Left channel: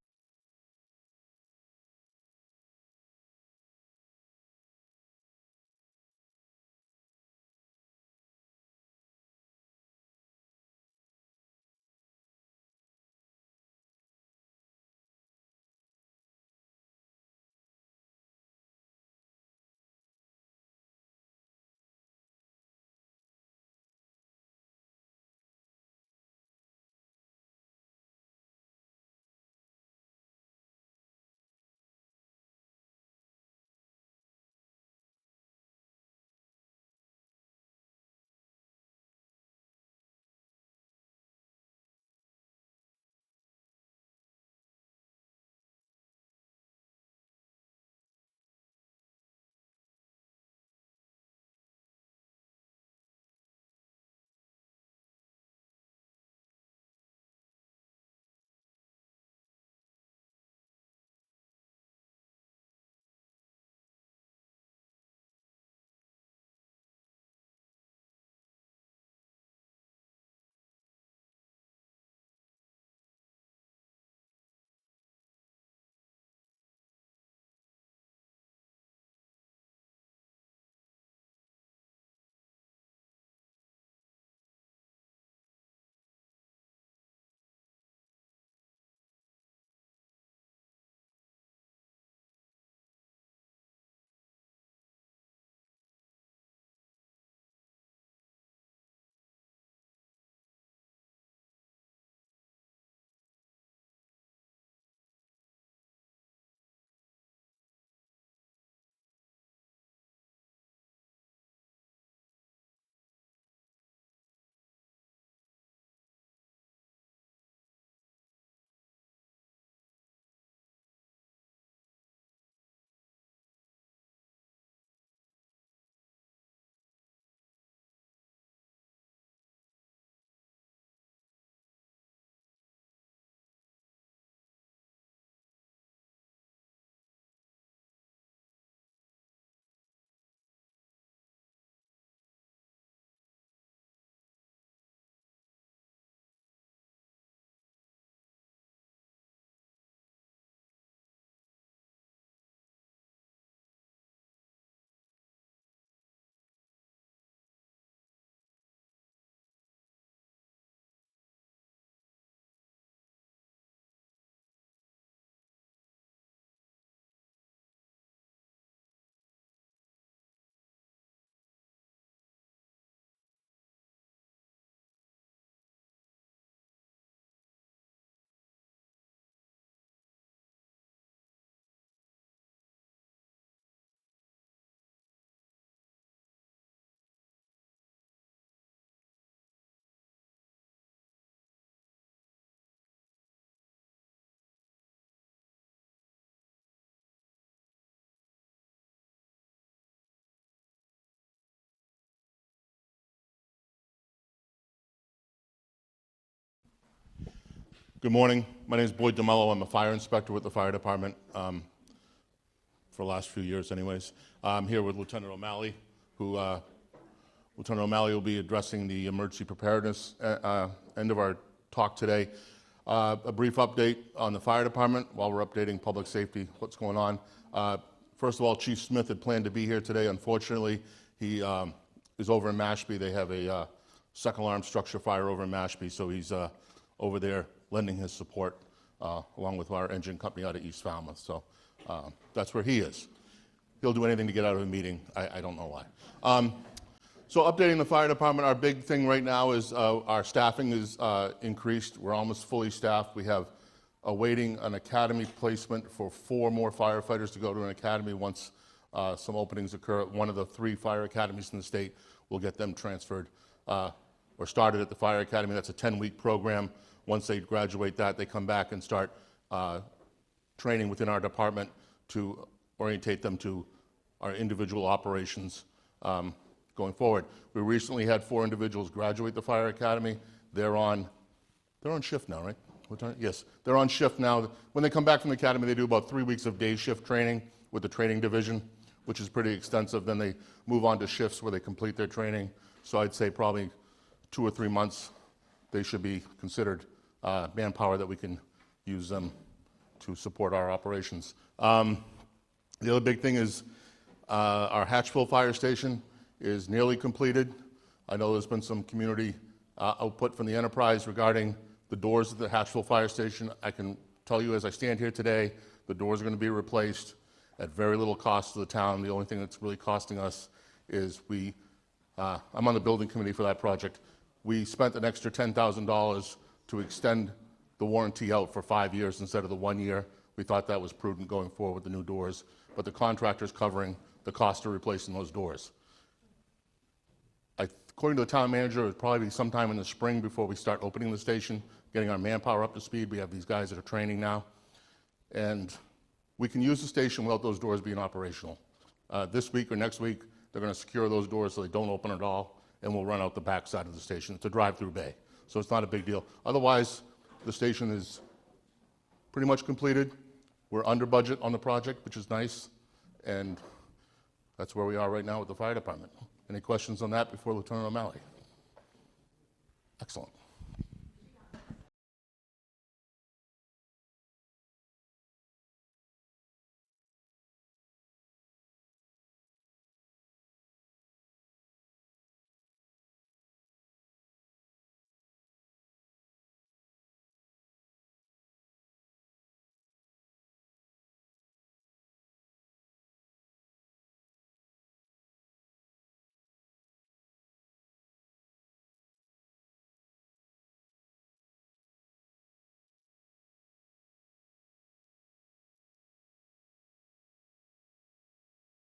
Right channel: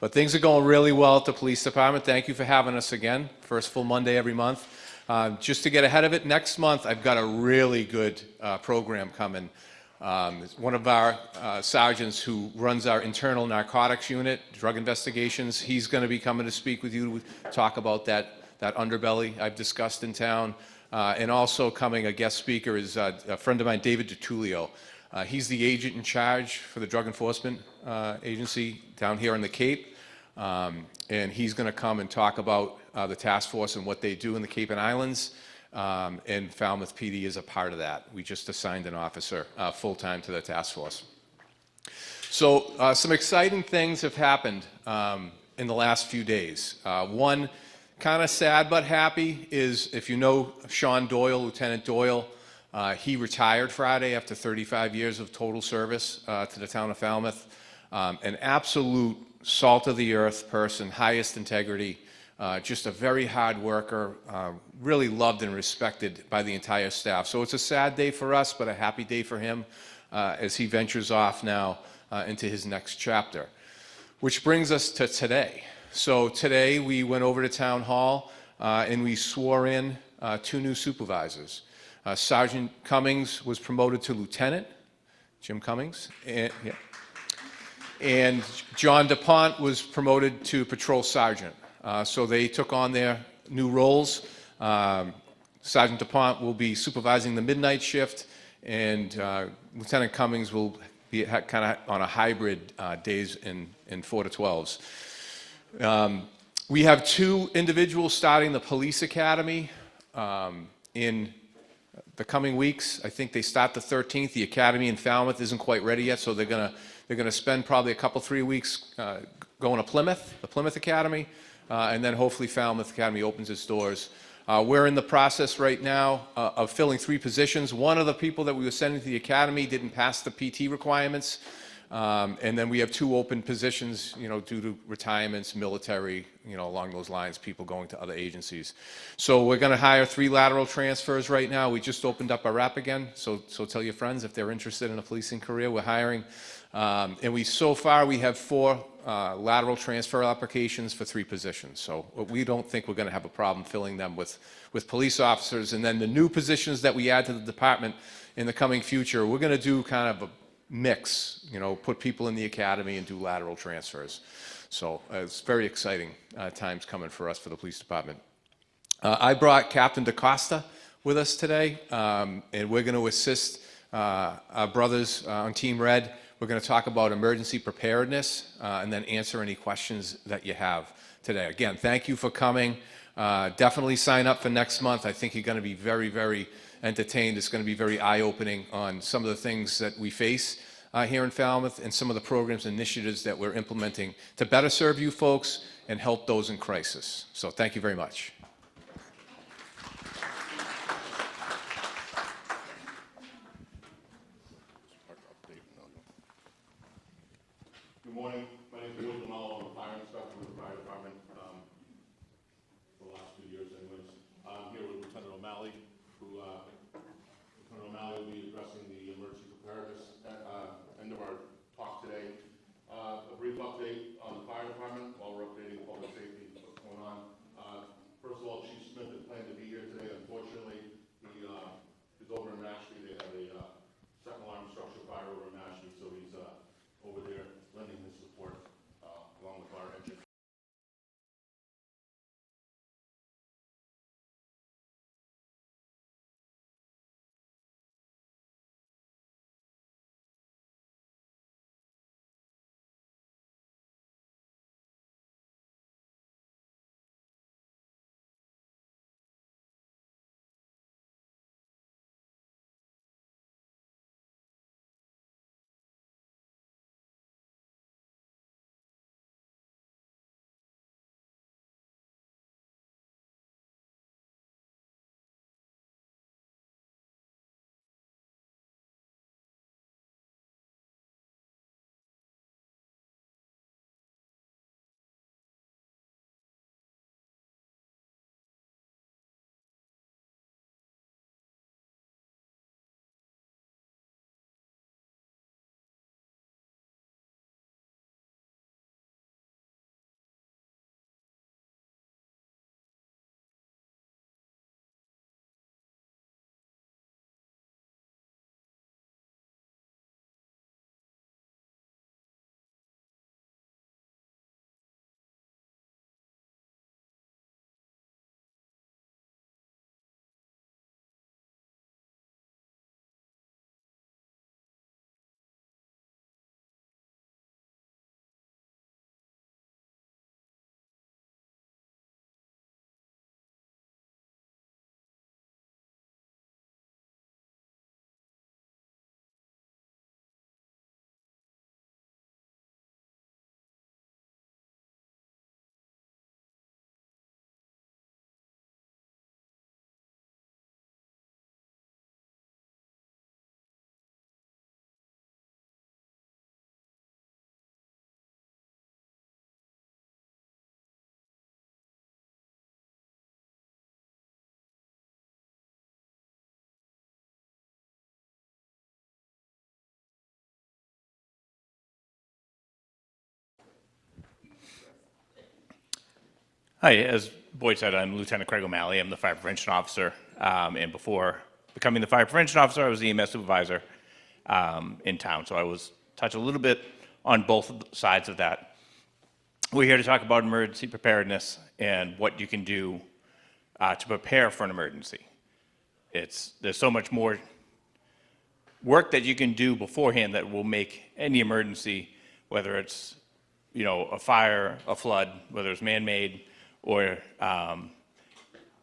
But things are going really well at the police department. Thank you for having us again. First full Monday every month. Just to get ahead of it, next month I've got a really good program coming. One of our sergeants who runs our internal narcotics unit, drug investigations, he's going to be coming to speak with you to talk about that underbelly I've discussed in town. And also coming, a guest speaker is a friend of mine, David DiTullio. He's the agent in charge for the Drug Enforcement Agency down here in the Cape. And he's going to come and talk about the task force and what they do in the Cape and Islands. And Falmouth PD is a part of that. We just assigned an officer full-time to the task force. So some exciting things have happened in the last few days. One, kind of sad but happy, is if you know Sean Doyle, Lieutenant Doyle, he retired Friday after 35 years of total service to the town of Falmouth. An absolute salt-of-the-earth person, highest integrity, just a very hard worker, really loved and respected by the entire staff. So it's a sad day for us, but a happy day for him as he ventures off now into his next chapter. Which brings us to today. So today we went over to Town Hall and we swore in 2 new supervisors. Sergeant Cummings was promoted to lieutenant, Jim Cummings, and John DuPont was promoted to patrol sergeant. So they took on their new roles. Sergeant DuPont will be supervising the midnight shift, and Lieutenant Cummings will be kind of on a hybrid days in 4 to 12s. We have 2 individuals starting the police academy in the coming weeks. I think they start the 13th. The academy in Falmouth isn't quite ready yet, so they're gonna spend probably a couple, 3 weeks going to Plymouth, the Plymouth Academy, and then hopefully Falmouth Academy opens its doors. We're in the process right now of filling 3 positions. One of the people that we were sending to the academy didn't pass the PT requirements, and then we have 2 open positions, you know, due to retirements, military, you know, along those lines, people going to other agencies. So we're going to hire 3 lateral transfers right now. We just opened up our rep again, so tell your friends if they're interested in a policing career. We're hiring, and so far we have 4 lateral transfer applications for 3 positions. So we don't think we're going to have a problem filling them with police officers. And then the new positions that we add to the department in the coming future, we're going to do kind of a mix, you know, put people in the academy and do lateral transfers. So it's very exciting times coming for us for the police department. I brought Captain DeCosta with us today, and we're going to assist our brothers on Team Red. We're going to talk about emergency preparedness and then answer any questions that you have today. Again, thank you for coming. Definitely sign up for next month. I think you're going to be very, very entertained. It's going to be very eye-opening on some of the things that we face here in Falmouth and some of the programs and initiatives that we're implementing to better serve you folks and help those in crisis. So thank you very much. Good morning. My name is Boyd Demello. I'm a fire inspector with the fire department for the last few years anyways. I'm here with Lieutenant O'Malley, who Lieutenant O'Malley will be addressing the emergency preparedness end of our talk today. A brief update on the fire department while we're updating public safety, what's going on. First of all, Chief Smith had planned to be here today. Unfortunately, he is over in Mashpee. They have a second alarm structure fire over in Mashpee, so he's over there lending his support along with our engine company out of East Falmouth. So that's where he is. He'll do anything to get out of a meeting. I don't know why. So updating the fire department, our big thing right now is our staffing is increased. We're almost fully staffed. We have awaiting an academy placement for 4 more firefighters to go to an academy once some openings occur. One of the 3 fire academies in the state will get them transferred or started at the fire academy. That's a 10-week program. Once they graduate that, they come back and start training within our department to orientate them to our individual operations going forward. We recently had 4 individuals graduate the fire academy. They're on shift now, right? What time? Yes, they're on shift now. When they come back from the academy, they do about 3 weeks of day shift training with the training division, which is pretty extensive. Then they move on to shifts where they complete their training. So I'd say probably 2 or 3 months, they should be considered manpower that we can use them to support our operations. The other big thing is our Hatchville Fire Station is nearly completed. I know there's been some community output from the enterprise regarding the doors at the Hatchville Fire Station. I can tell you as I stand here today, the doors are going to be replaced at very little cost to the town. The only thing that's really costing us is I'm on the building committee for that project. We spent an extra $10,000 to extend the warranty out for 5 years instead of the 1 year. We thought that was prudent going forward with the new doors, but the contractor's covering the cost of replacing those doors. According to the town manager, it'll probably be sometime in the spring before we start opening the station, getting our manpower up to speed. We have these guys that are training now. And we can use the station without those doors being operational. This week or next week, they're going to secure those doors so they don't open at all, and we'll run out the back side of the station. It's a drive-through bay, so it's not a big deal. Otherwise, the station is pretty much completed. We're under budget on the project, which is nice, and that's where we are right now with the fire department. Any questions on that before Lieutenant O'Malley? Excellent. Hi, as Boyd said, I'm Lieutenant Craig O'Malley. I'm the Fire Prevention Officer, and before becoming the Fire Prevention Officer, I was the EMS Supervisor in town, so I was touch a little bit on both sides of that. We're here to talk about emergency preparedness and what you can do to prepare for an emergency. There's so much more work that you can do beforehand that will make any emergency, whether it's a fire, a flood, whether it's man-made or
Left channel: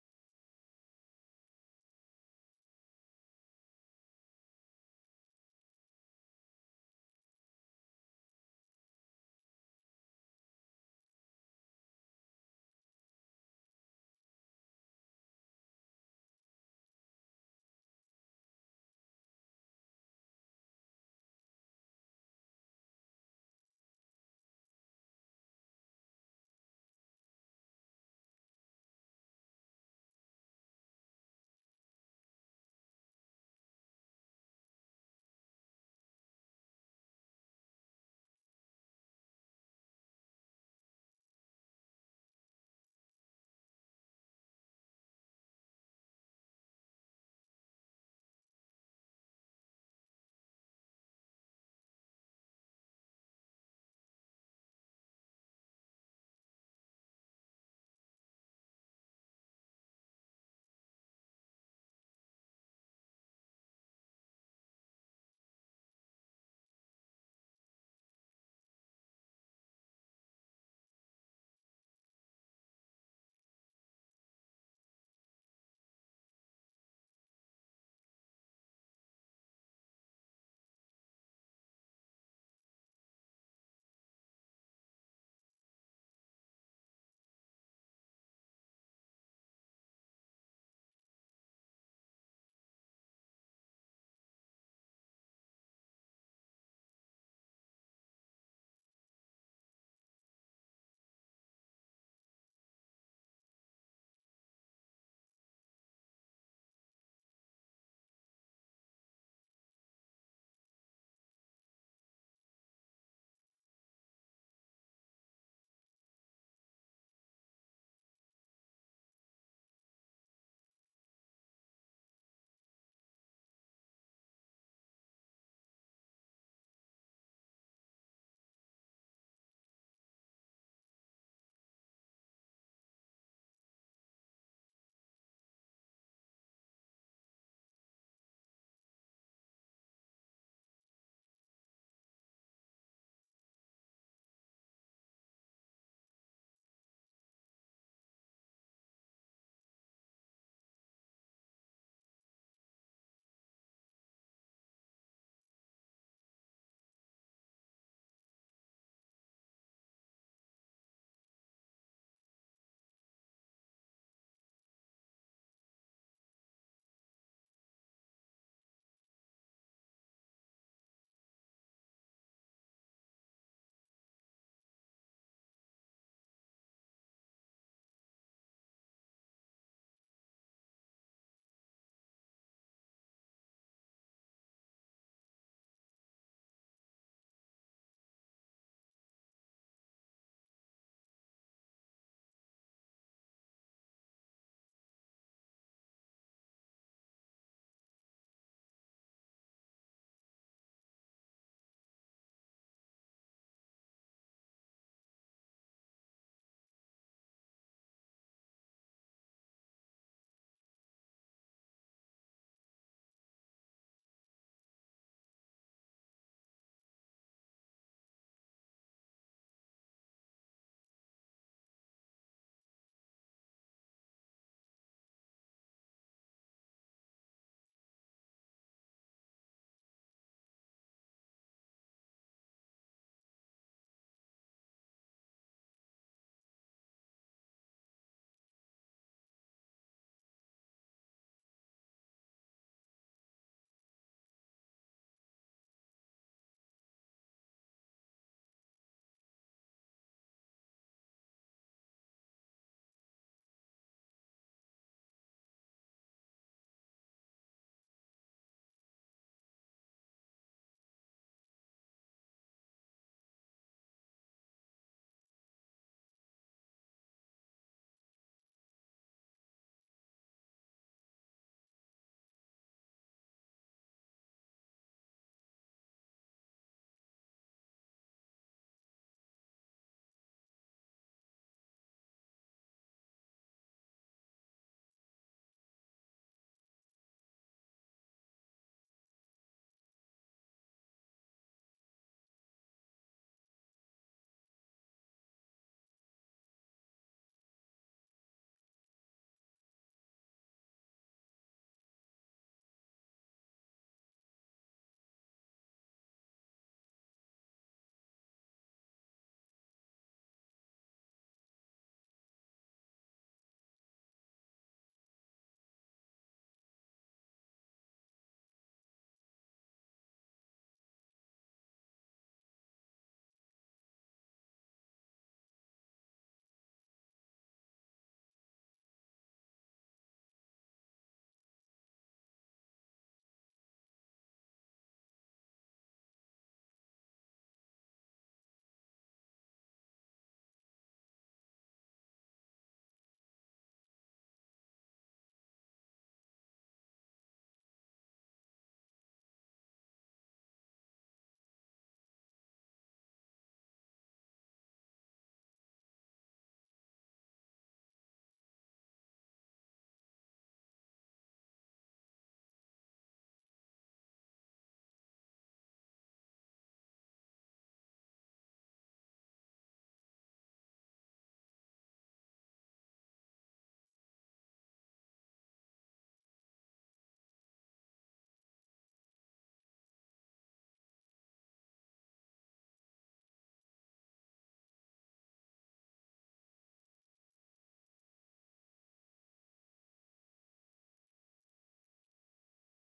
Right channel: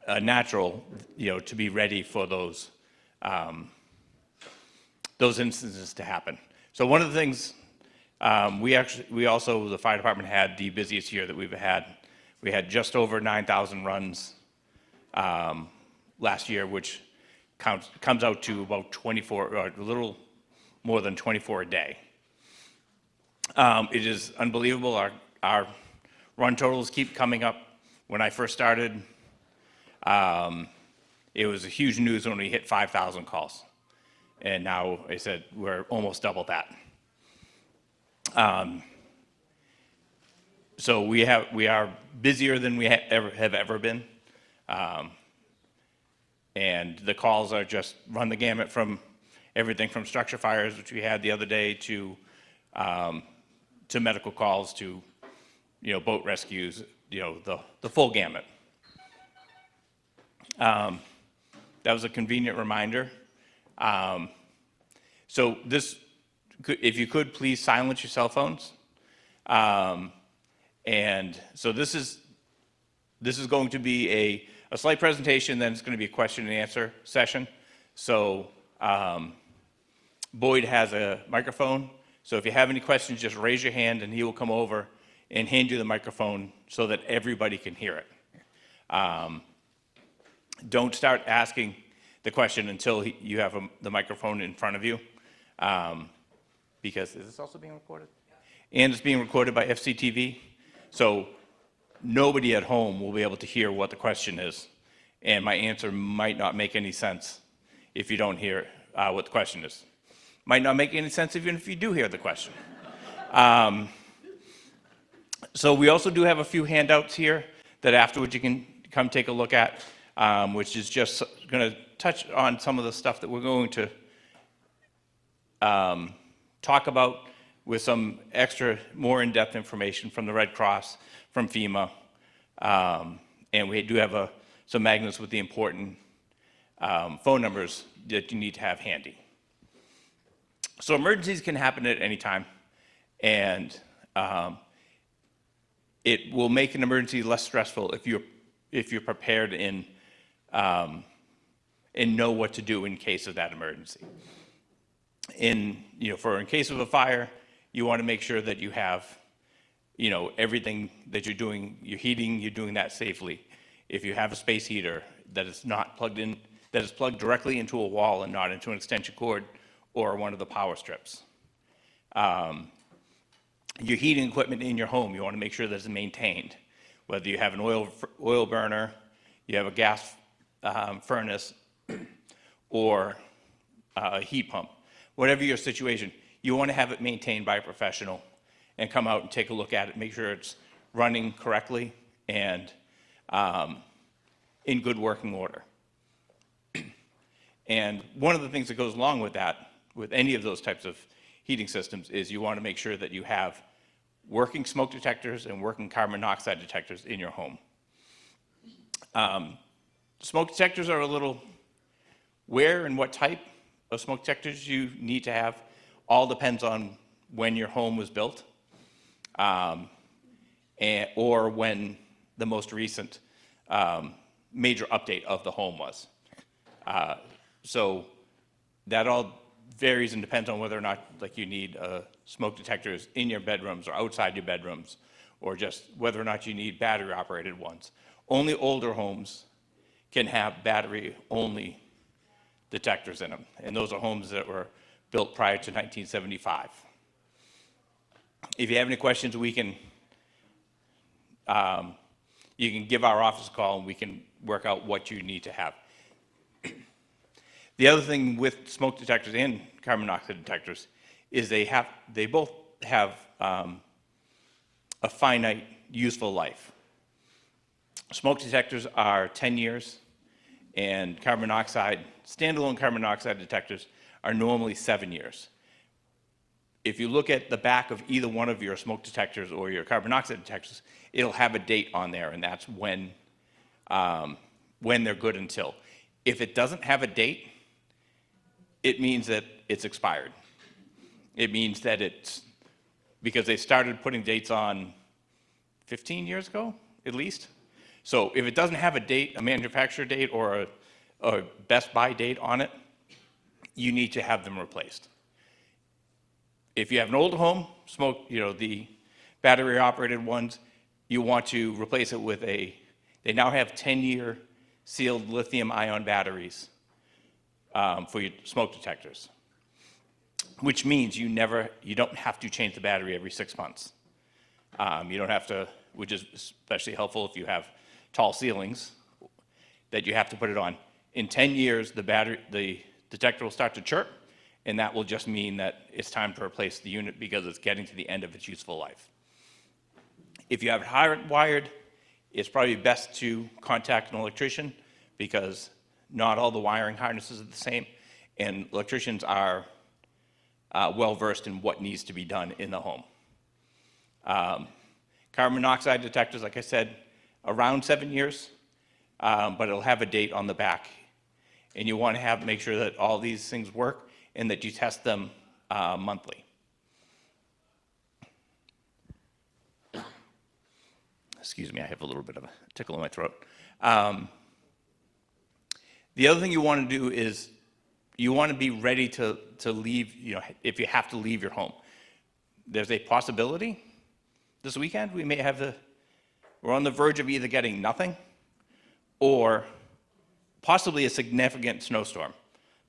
a natural, to be ready for those instances to happen. So one of the things we also, the fire department, had the busiest year that we've had. We had just over 9,000 runs last year, which comes out to about 24, or a little more than 24 a day. It is unbelievable. Our run totals keep coming up. When I first started, it was a huge news when we hit 5,000 calls. And now, I said, we're almost double that. So we are busier than we have ever been. And the calls are just run the gamut from everything from structure fires, which we had the other day, to medical calls, to boat rescues, the full gamut. That was a convenient reminder. So if you could, please silence your cell phones. And so this is going to be a slight presentation, then it's going to be a question and answer session. So Boyd has a microphone, so if you have any questions, just raise your hand and he will come over and hand you the microphone so that everybody can hear it. Don't start asking the question until you have the microphone in front of you, because is this also being recorded? And it's being recorded by FCTV, so nobody at home will be able to hear what the question is, and my answer might not make any sense if you don't hear what the question is. Might not make any sense even if you do hear the question. So we also do have a few handouts here that afterwards you can come take a look at, which is just going to touch on some of the stuff that we're going to talk about, with some extra, more in-depth information from the Red Cross, from FEMA, and we do have some magnets with the important phone numbers that you need to have handy. So emergencies can happen at any time, and it will make an emergency less stressful if you're prepared and know what to do in case of that emergency. In case of a fire, you want to make sure that you have, everything that you're doing, your heating, you're doing that safely. If you have a space heater that is not plugged in, that is plugged directly into a wall and not into an extension cord or one of the power strips. Your heating equipment in your home, you want to make sure that it's maintained. Whether you have an oil burner, you have a gas furnace, or a heat pump. Whatever your situation, you want to have it maintained by a professional and come out and take a look at it, make sure it's running correctly and in good working order. And one of the things that goes along with that, with any of those types of heating systems, is you want to make sure that you have working smoke detectors and working carbon monoxide detectors in your home. Smoke detectors are a little, where and what type of smoke detectors you need to have all depends on when your home was built, or when the most recent major update of the home was. So that all varies and depends on whether or not you need smoke detectors in your bedrooms or outside your bedrooms, or just whether or not you need battery operated ones. Only older homes can have battery only detectors in them, and those are homes that were built prior to 1975. If you have any questions, we can, you can give our office a call and we can work out what you need to have. The other thing with smoke detectors and carbon monoxide detectors is they both have a finite useful life. Smoke detectors are 10 years, and standalone carbon monoxide detectors are normally 7 years. If you look at the back of either one of your smoke detectors or your carbon monoxide detectors, it'll have a date on there, and that's when they're good until. If it doesn't have a date, it means that it's expired. It means that it's, because they started putting dates on 15 years ago, at least. So if it doesn't have a date, a manufacturer date or a Best Buy date on it, you need to have them replaced. If you have an older home, the battery operated ones, you want to replace it with they now have 10-year sealed lithium ion batteries for your smoke detectors, which means you don't have to change the battery every 6 months. You don't have to, which is especially helpful if you have tall ceilings, that you have to put it on. In 10 years, the detector will start to chirp, and that will just mean that it's time to replace the unit because it's getting to the end of its useful life. If you have it hardwired, it's probably best to contact an electrician because not all the wiring harnesses are the same, and electricians are well-versed in what needs to be done in the home. Carbon monoxide detectors, like I said, around 7 years, but it'll have a date on the back. And you want to make sure that all these things work and that you test them monthly. Excuse me, I have a little bit of a tickle in my throat. The other thing you want to do is you want to be ready to leave, if you have to leave your home. There's a possibility this weekend we're on the verge of either getting nothing or possibly a significant snowstorm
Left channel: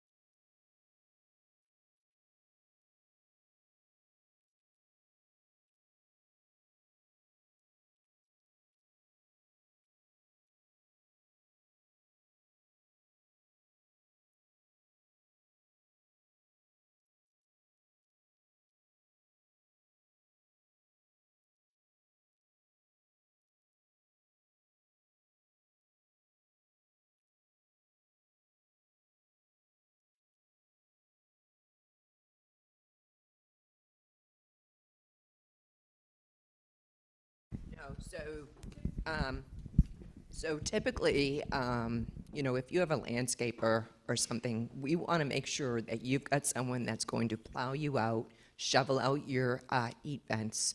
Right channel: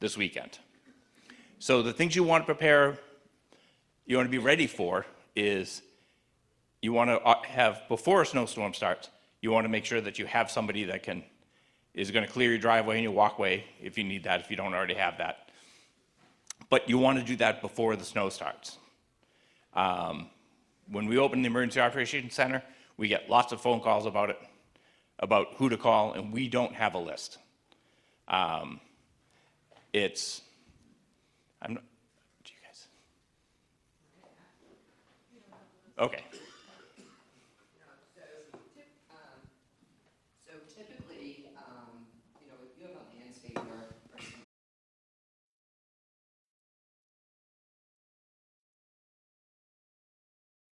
this weekend. So the things you want to be ready for is you want to have, before a snowstorm starts, you want to make sure that you have somebody that is going to clear your driveway and your walkway if you need that, if you don't already have that. But you want to do that before the snow starts. When we open the Emergency Operations Center, we get lots of phone calls about it, about who to call, and we don't have a list. Do you guys? Okay. So typically, if you have a landscaper or something, we want to make sure that you've got someone that's going to plow you out, shovel out your heat vents.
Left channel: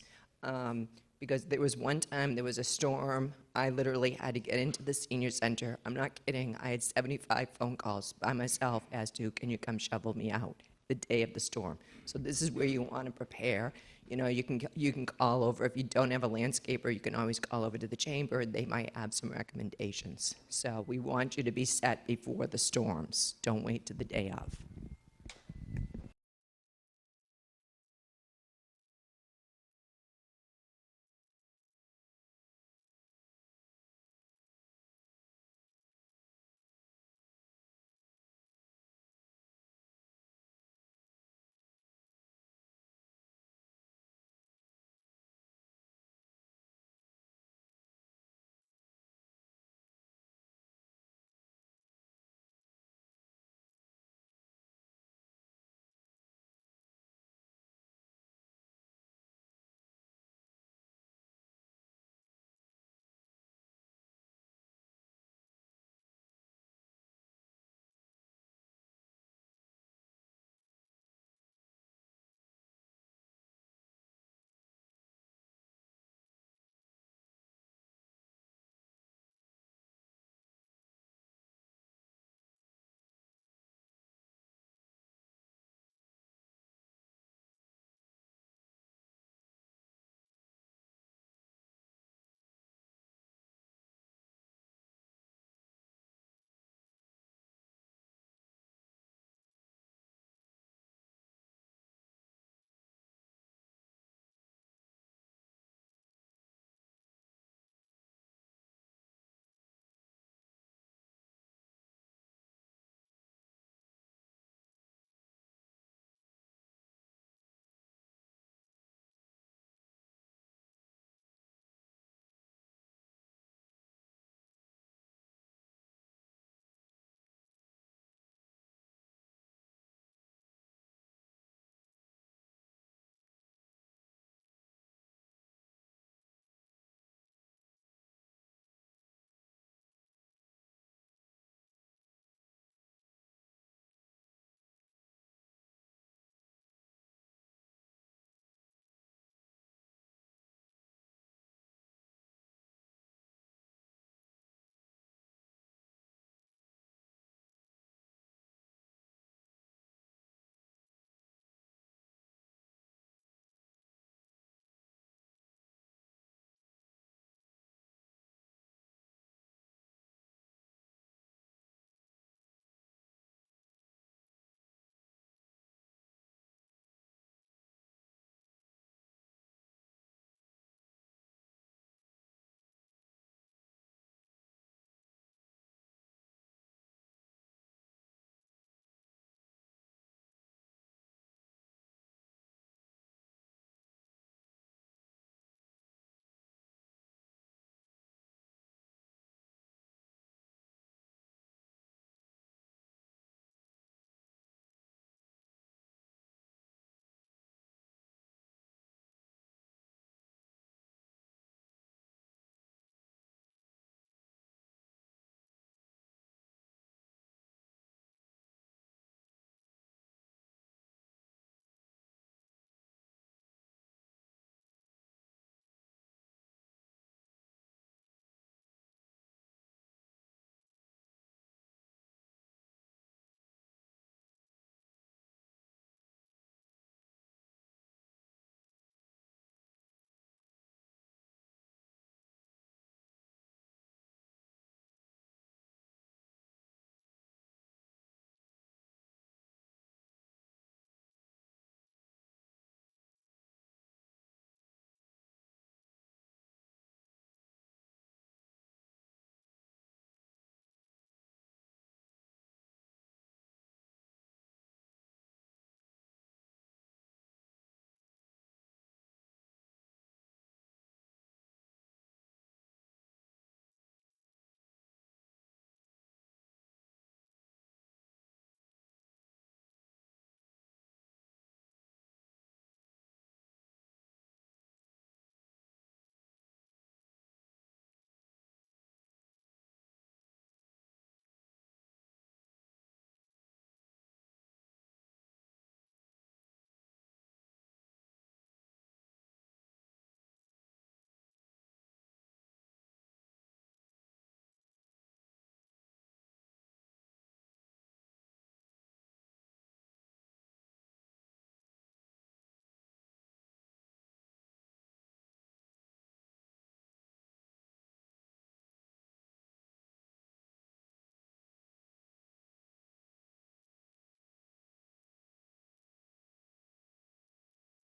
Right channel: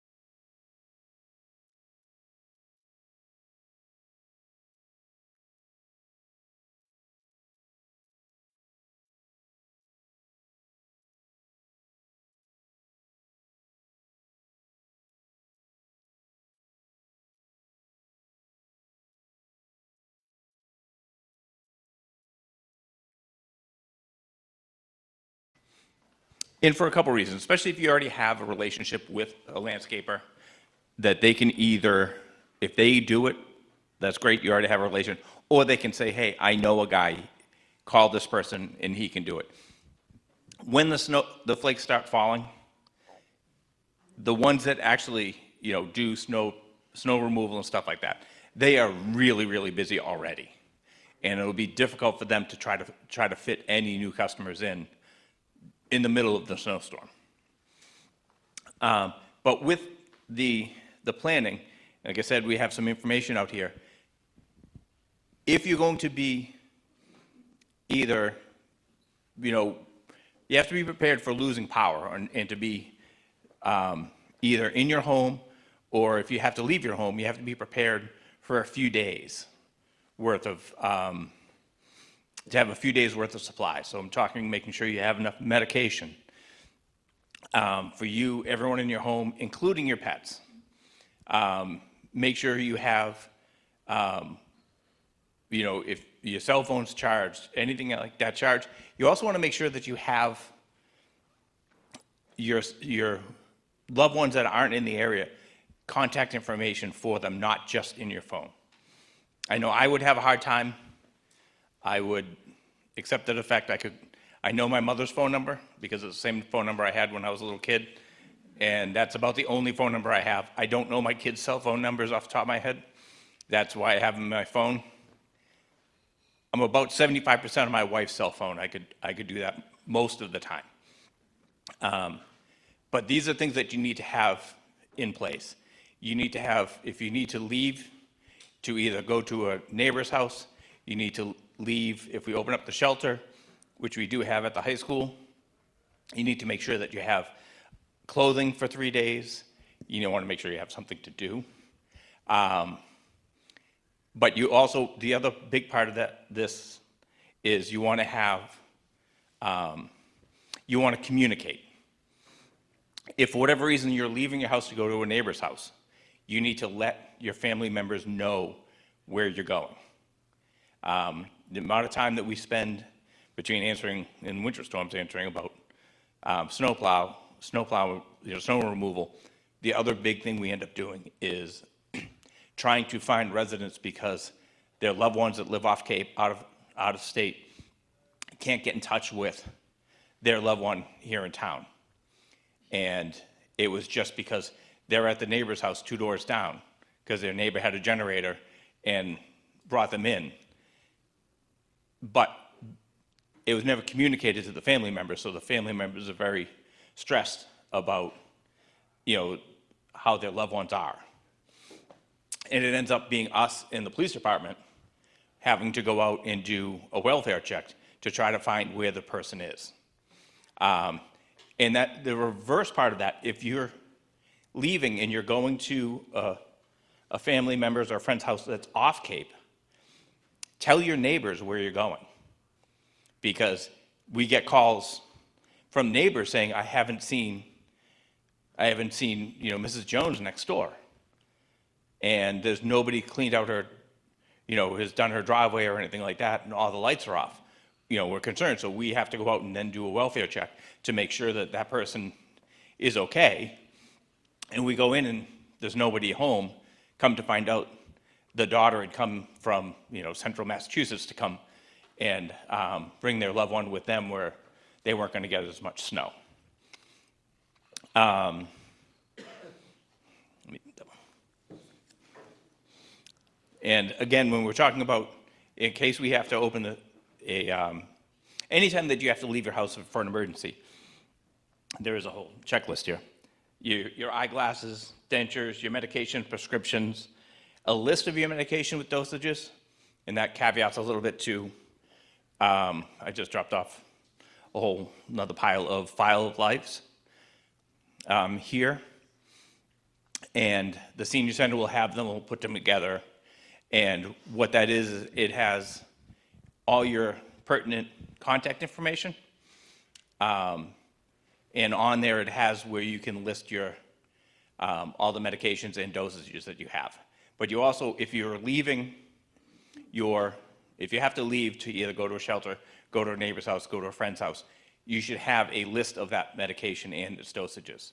Because there was one time, there was a storm, I literally had to get into the senior center. I'm not kidding, I had 75 phone calls by myself as to, can you come shovel me out the day of the storm? So this is where you want to prepare. You can call over, if you don't have a landscaper, you can always call over to the chamber. They might have some recommendations. So we want you to be set before the storms. Don't wait to the day of. And for a couple reasons, especially if you already have a relationship with a landscaper, that they can either, if they do it, that's great, you already have a relation, or they can say, hey, I know a guy, call this person and he can do it. When the flakes start falling, the ones that actually, do snow snow removal and stuff like that. They are really, really busy already. And it'll be difficult for them to try to fit any new customers in the middle of the snowstorm. But with the planning, like I said, we have some information out here. If you're going to be either, you have to be prepared for losing power and to be either in your home, or if you have to leave your home, you have to be prepared for a few days worth of, to have a few days worth of supply. So I'm talking making sure you have enough medication for you, everyone in your home, including your pets. Make sure you have, if your cell phone's charged, anything like that charged. You also want to make sure that you have your loved ones that aren't in the area, contact information for them, not just in your phone. I know I would have a hard time. I would accept the fact I know my mother's phone number because it's the same phone number I had when I was a little kid, and that's about the only phone number I have. I don't know my kids' cell phone numbers off the top of my head. That's why I have them in my phone. I'm about 75% of my wife's cell phone. I could do that most of the time. But these are things that you need to have in place. You need to have, if you need to leave to either go to a neighbor's house, you need to leave, if we open up the shelter, which we do have at the high school, you need to make sure that you have clothing for 3 days. You want to make sure you have something to do. But you also, the other big part of this is you want to have, you want to communicate. If for whatever reason you're leaving your house to go to a neighbor's house, you need to let your family members know where you're going. The amount of time that we spend between answering in winter storms, answering about snow removal. The other big thing we end up doing is trying to find residents because their loved ones that live off Cape, out of state, can't get in touch with their loved one here in town. And it was just because they're at the neighbor's house 2 doors down because their neighbor had a generator and brought them in. But it was never communicated to the family members, so the family members are very stressed about, how their loved ones are. And it ends up being us in the police department having to go out and do a welfare check to try to find where the person is. And that the reverse part of that, if you're leaving and you're going to a family member's or friend's house that's off Cape, tell your neighbors where you're going. Because we get calls from neighbors saying, I haven't seen, Mrs. Jones next door. And there's nobody cleaned out her, has done her driveway or anything like that, and all the lights are off. We're concerned, so we have to go out and then do a welfare check to make sure that that person is okay. And we go in and there's nobody home. Come to find out, the daughter had come from, central Massachusetts to come and bring their loved one with them where they weren't going to get as much snow. And again, when we're talking about, in case we have to open anytime that you have to leave your house for an emergency, there is a whole checklist here. Your eyeglasses, dentures, your medication, prescriptions, a list of your medication with dosages, and that caveats a little bit to, I just dropped off another file of lives here, and the senior center will have them, we'll put them together, and what that is it has all your pertinent contact information, and on there it has where you can list your all the medications and dosages that you have. But you also, if you have to leave to either go to a shelter, go to a neighbor's house, go to a friend's house, you should have a list of that medication and its dosages.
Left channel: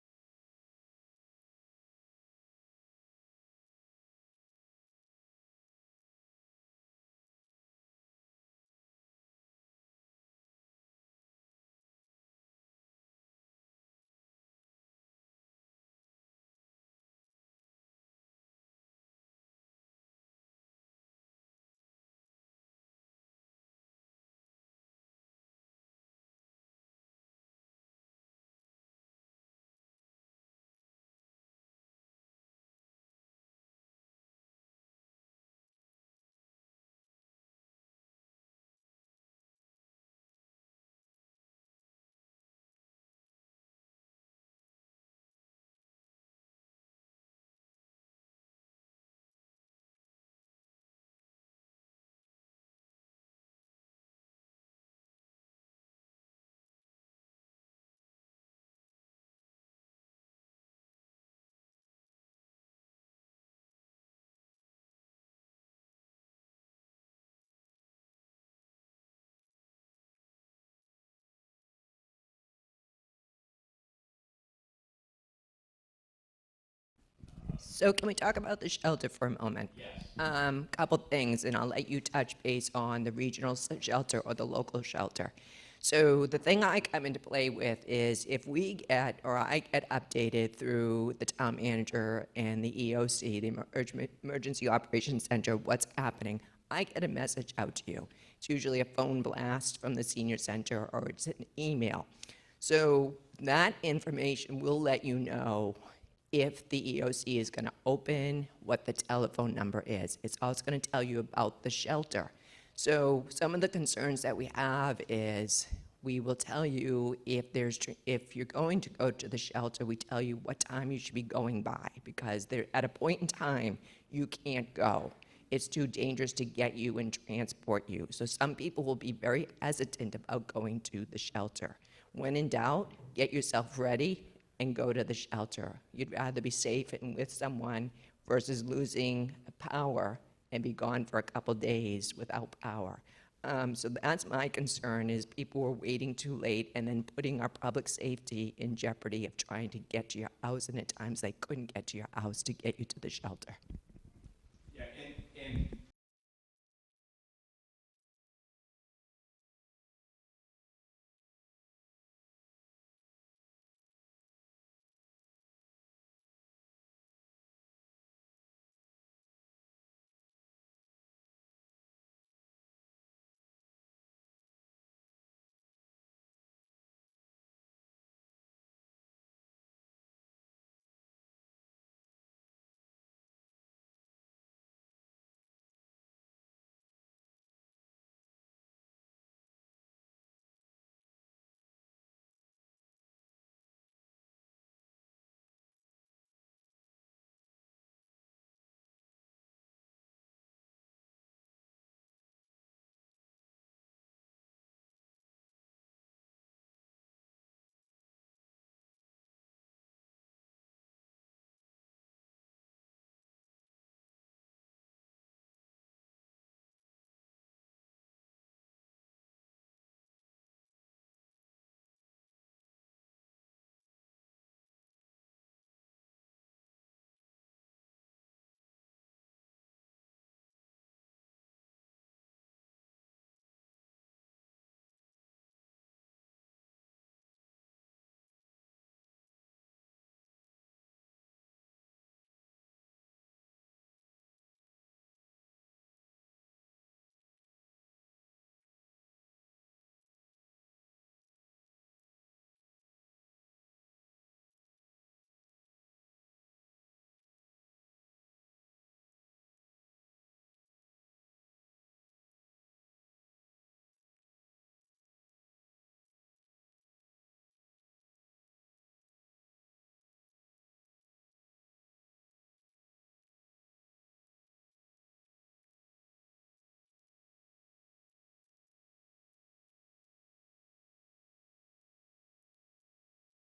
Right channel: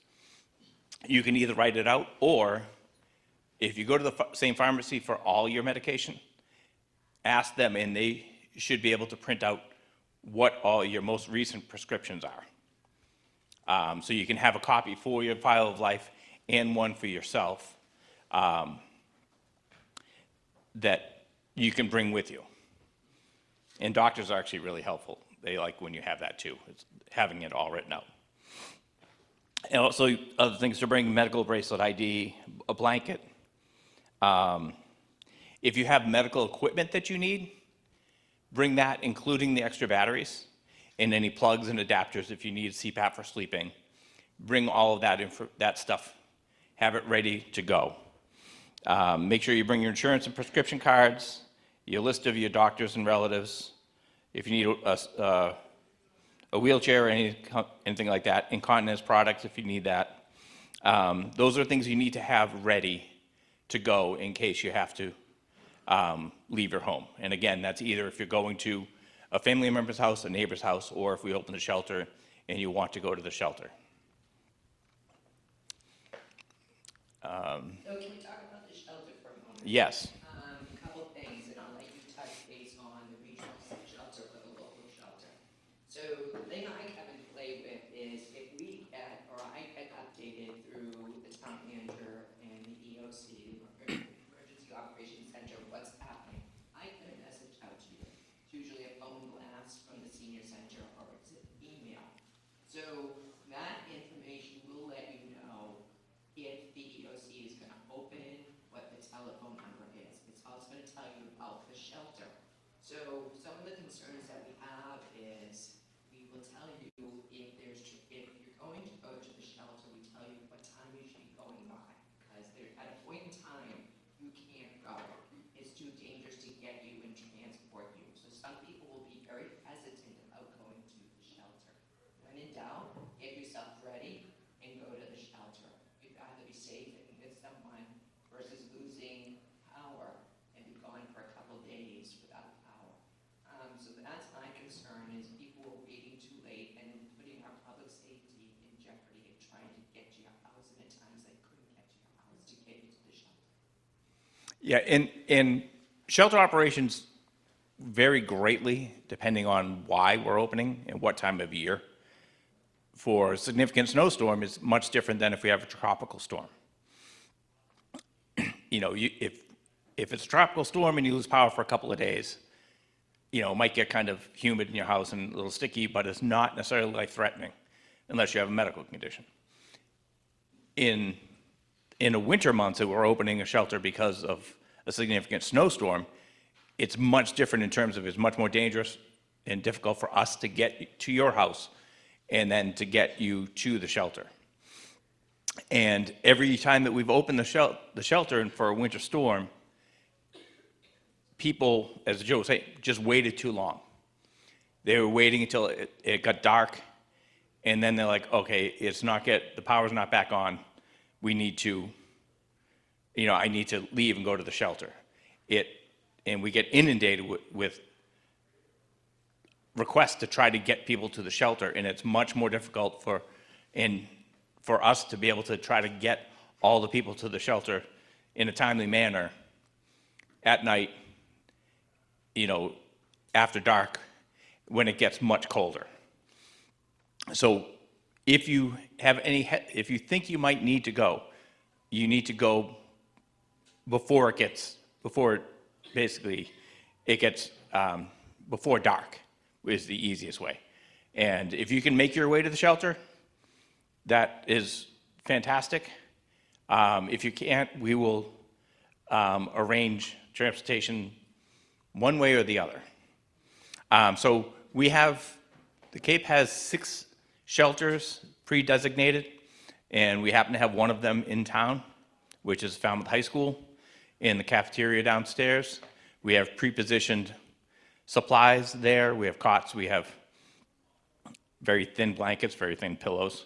You can either write it out, or if you go to the same pharmacy for all your medication, ask them and they should be able to print out what all your most recent prescriptions are. So you can have a copy for your file of life and one for yourself. that you can bring with you. And doctors are actually really helpful. They like when you have that too, it's having it all written out. And also other things to bring: medical bracelet, ID, a blanket. If you have medical equipment that you need, bring that, including the extra batteries and any plugs and adapters if you need CPAP for sleeping. Bring all of that stuff, have it ready to go. Make sure you bring your insurance and prescription cards, your list of your doctors and relatives. If you need a wheelchair or anything like that, incontinence products if you need that. Those are things you need to have ready to go in case you have to leave your home. And again, that's either if you're going to a family member's house, a neighbor's house, or if we open the shelter and you want to go to the shelter. So can we talk about the shelter for a moment? Yes. Couple things, and I'll let you touch base on the regional shelter or the local shelter. So the thing I come into play with is if we get, or I get updated through the town manager and the EOC, the Emergency Operations Center, what's happening, I get a message out to you. It's usually a phone blast from the senior center or it's an email. So that information will let you know if the EOC is going to open, what the telephone number is. It's also going to tell you about the shelter. So some of the concerns that we have is we will tell you if you're going to go to the shelter, we tell you what time you should be going by, because at a point in time, you can't go. It's too dangerous to get you and transport you. So some people will be very hesitant about going to the shelter. When in doubt, get yourself ready and go to the shelter. You'd rather be safe and with someone versus losing power and be gone for a couple days without power. So that's my concern, is people are waiting too late and then putting our public safety in jeopardy of trying to get to your house, and at times they couldn't get to your house to get you to the shelter. Yeah, and shelter operations vary greatly depending on why we're opening and what time of year. For a significant snowstorm is much different than if we have a tropical storm. You know, if it's a tropical storm and you lose power for a couple of days, you know, it might get kind of humid in your house and a little sticky, but it's not necessarily life-threatening unless you have a medical condition. In a winter months that we're opening a shelter because of a significant snowstorm, it's much different in terms of it's much more dangerous and difficult for us to get to your house and then to get you to the shelter. And every time that we've opened the shelter and for a winter storm, people, as Joe was saying, just waited too long. They were waiting until it got dark, and then they're like, okay, the power's not back on. We need to, you know, I need to leave and go to the shelter. And we get inundated with requests to try to get people to the shelter, and it's much more difficult for us to be able to try to get all the people to the shelter in a timely manner at night, you know, after dark, when it gets much colder. So if you think you might need to go, you need to go before it gets dark is the easiest way. And if you can make your way to the shelter, that is fantastic. If you can't, we will arrange transportation one way or the other. So the Cape has 6 shelters pre-designated, and we happen to have one of them in town, which is Falmouth High School, in the cafeteria downstairs. We have pre-positioned supplies there. We have cots, we have very thin blankets, very thin pillows.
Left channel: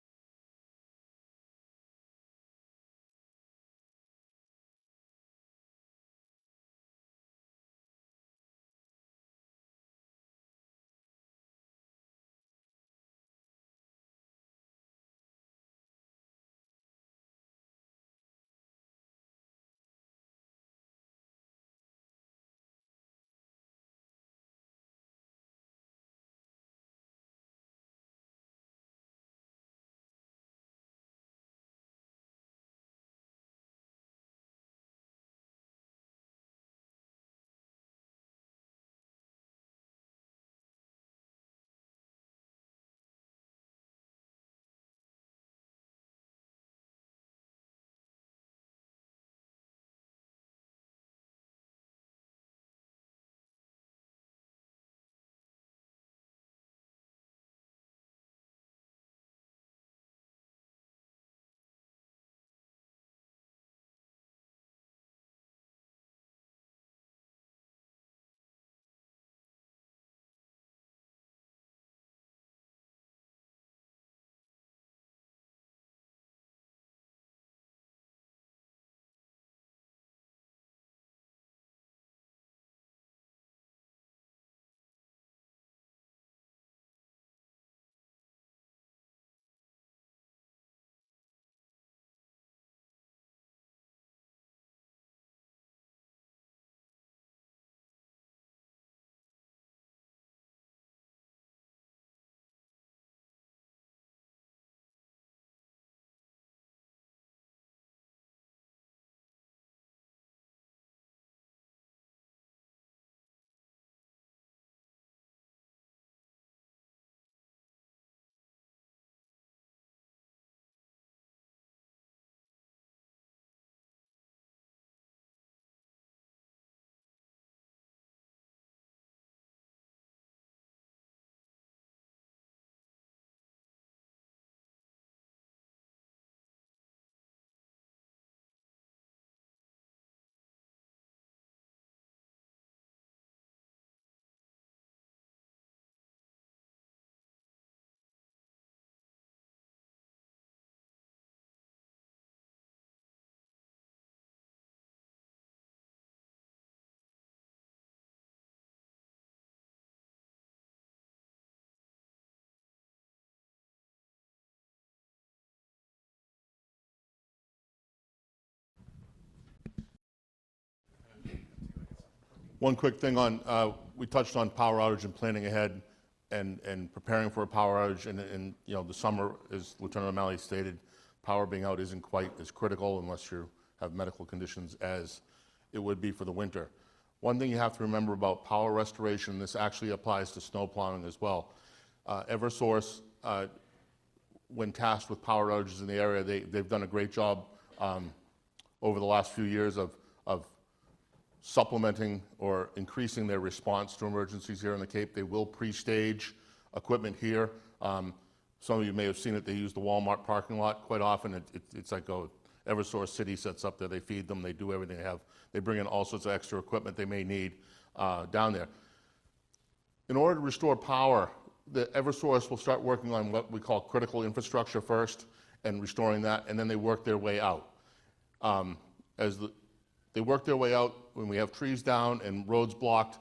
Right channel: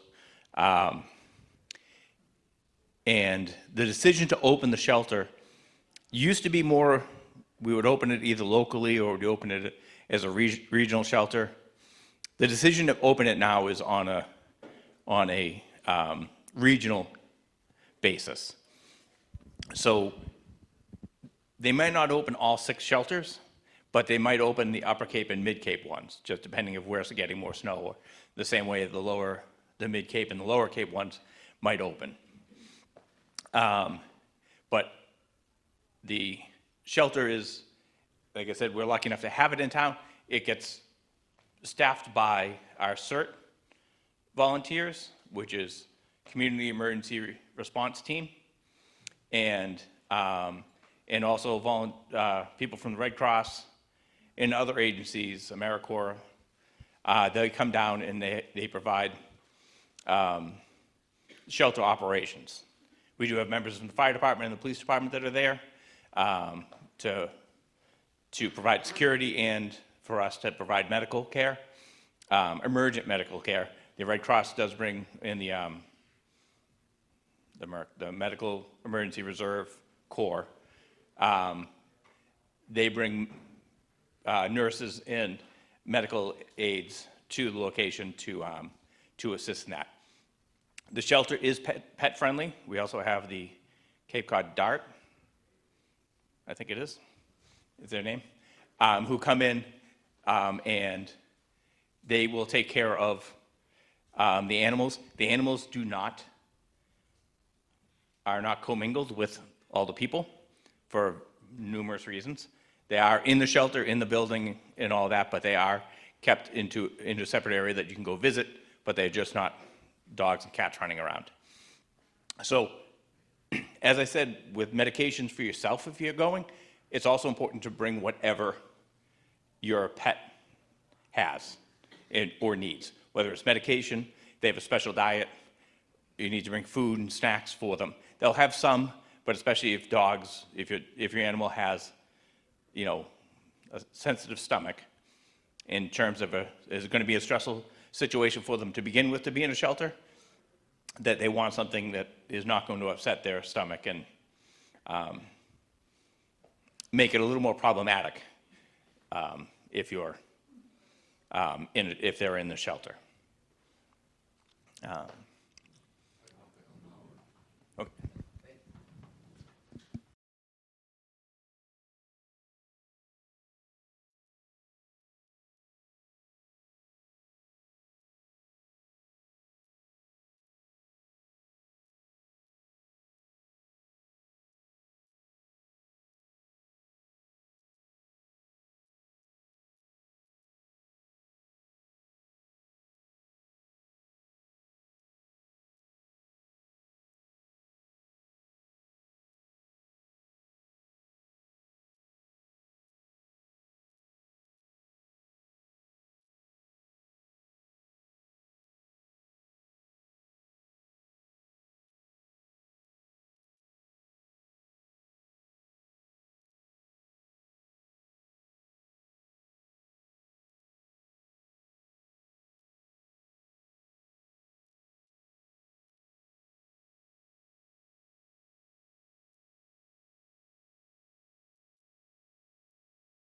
And the decision to open the shelter used to be more, we would open it either locally or we'd open it as a regional shelter. The decision to open it now is on a regional basis. So they might not open all 6 shelters, but they might open the Upper Cape and Mid Cape ones, just depending of where it's getting more snow, or the same way the Mid Cape and the Lower Cape ones might open. But the shelter is, like I said, we're lucky enough to have it in town. It gets staffed by our CERT volunteers, which is Community Emergency Response Team, and also people from the Red Cross and other agencies, AmeriCorps. They come down and they provide shelter operations. We do have members from the fire department and the police department that are there to provide security and for us to provide medical care, emergent medical care. The Red Cross does bring in the Medical Emergency Reserve Corps. They bring nurses and medical aides to the location to assist in that. The shelter is pet friendly. We also have the Cape Cod Dart, I think it is their name, who come in and they will take care of the animals. The animals are not commingled with all the people for numerous reasons. They are in the shelter, in the building, and all that, but they are kept into a separate area that you can go visit, but they're just not dogs and cats running around. So, as I said, with medications for yourself if you're going, it's also important to bring whatever your pet has or needs, whether it's medication, they have a special diet, you need to bring food and snacks for them. They'll have some, but especially if your animal has, a sensitive stomach, in terms of is it going to be a stressful situation for them to begin with to be in a shelter, that they want something that is not going to upset their stomach and make it a little more problematic if they're in the shelter. Okay. One quick thing on, we touched on power outage and planning ahead and preparing for a power outage. And the summer, as Lieutenant O'Malley stated, power being out isn't quite as critical unless you have medical conditions as it would be for the winter. One thing you have to remember about power restoration, this actually applies to snow plowing as well. Eversource, when tasked with power outages in the area, they've done a great job over the last few years of supplementing or increasing their response to emergencies here in the Cape. They will pre-stage equipment here. Some of you may have seen it. They use the Walmart parking lot quite often. It's like Eversource City sets up there. They feed them. They do everything they have. They bring in all sorts of extra equipment they may need down there. In order to restore power, the Eversource will start working on what we call critical infrastructure first and restoring that, and then they work their way out. They work their way out, when we have trees down and roads blocked,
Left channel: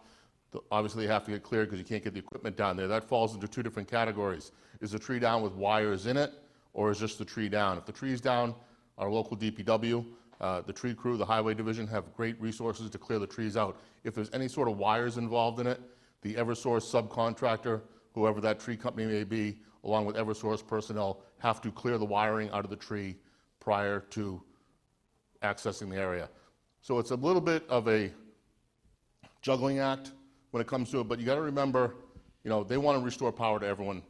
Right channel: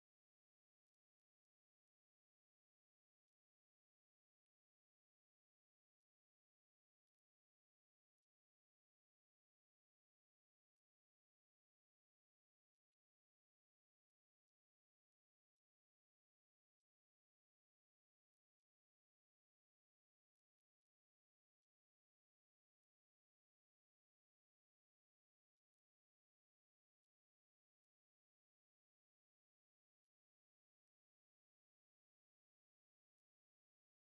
obviously they have to get cleared because you can't get the equipment down there. That falls into two different categories. Is the tree down with wires in it, or is just the tree down? If the tree's down, our local DPW, the tree crew, the highway division have great resources to clear the trees out. If there's any sort of wires involved in it, the Eversource subcontractor, whoever that tree company may be, along with Eversource personnel, have to clear the wiring out of the tree prior to accessing the area. So it's a little bit of a juggling act when it comes to it, but you got to remember, they want to restore power to everyone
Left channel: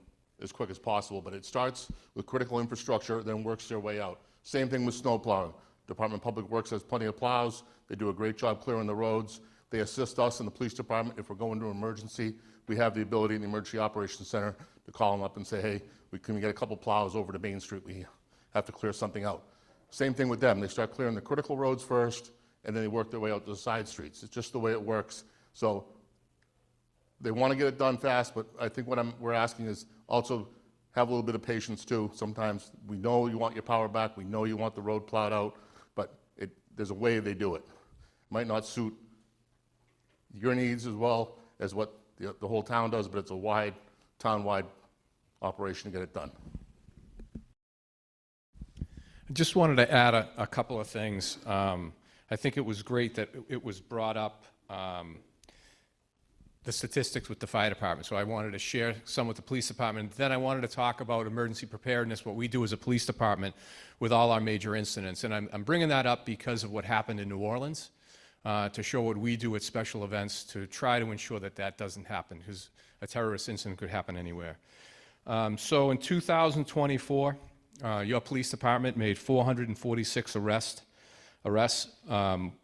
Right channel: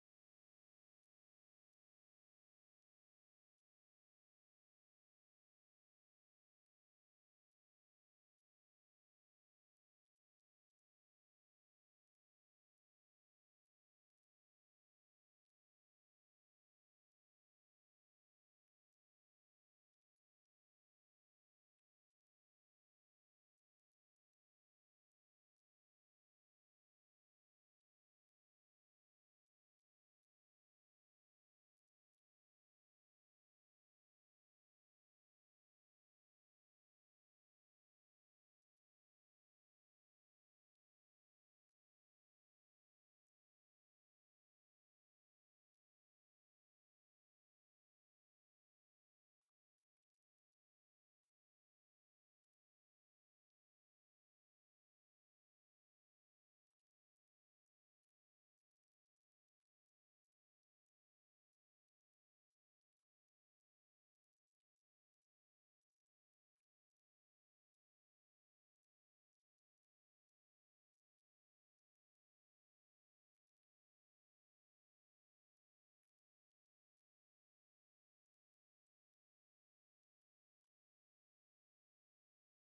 as quick as possible, but it starts with critical infrastructure, then works their way out. Same thing with snow plowing. Department of Public Works has plenty of plows. They do a great job clearing the roads. They assist us in the police department. If we're going to an emergency, we have the ability in the Emergency Operations Center to call them up and say, hey, can we get a couple plows over to Main Street? We have to clear something out. Same thing with them. They start clearing the critical roads first, and then they work their way out to the side streets. It's just the way it works. So they want to get it done fast, but I think what we're asking is also have a little bit of patience too. Sometimes we know you want your power back, we know you want the road plowed out, but there's a way they do it. It might not suit your needs as well as what the whole town does, but it's a town-wide operation to get it done. I just wanted to add a couple of things. I think it was great that it was brought up, the statistics with the fire department. So I wanted to share some with the police department. Then I wanted to talk about emergency preparedness, what we do as a police department with all our major incidents. And I'm bringing that up because of what happened in New Orleans. to show what we do at special events to try to ensure that that doesn't happen, because a terrorist incident could happen anywhere. So in 2024, your police department made 446 arrests.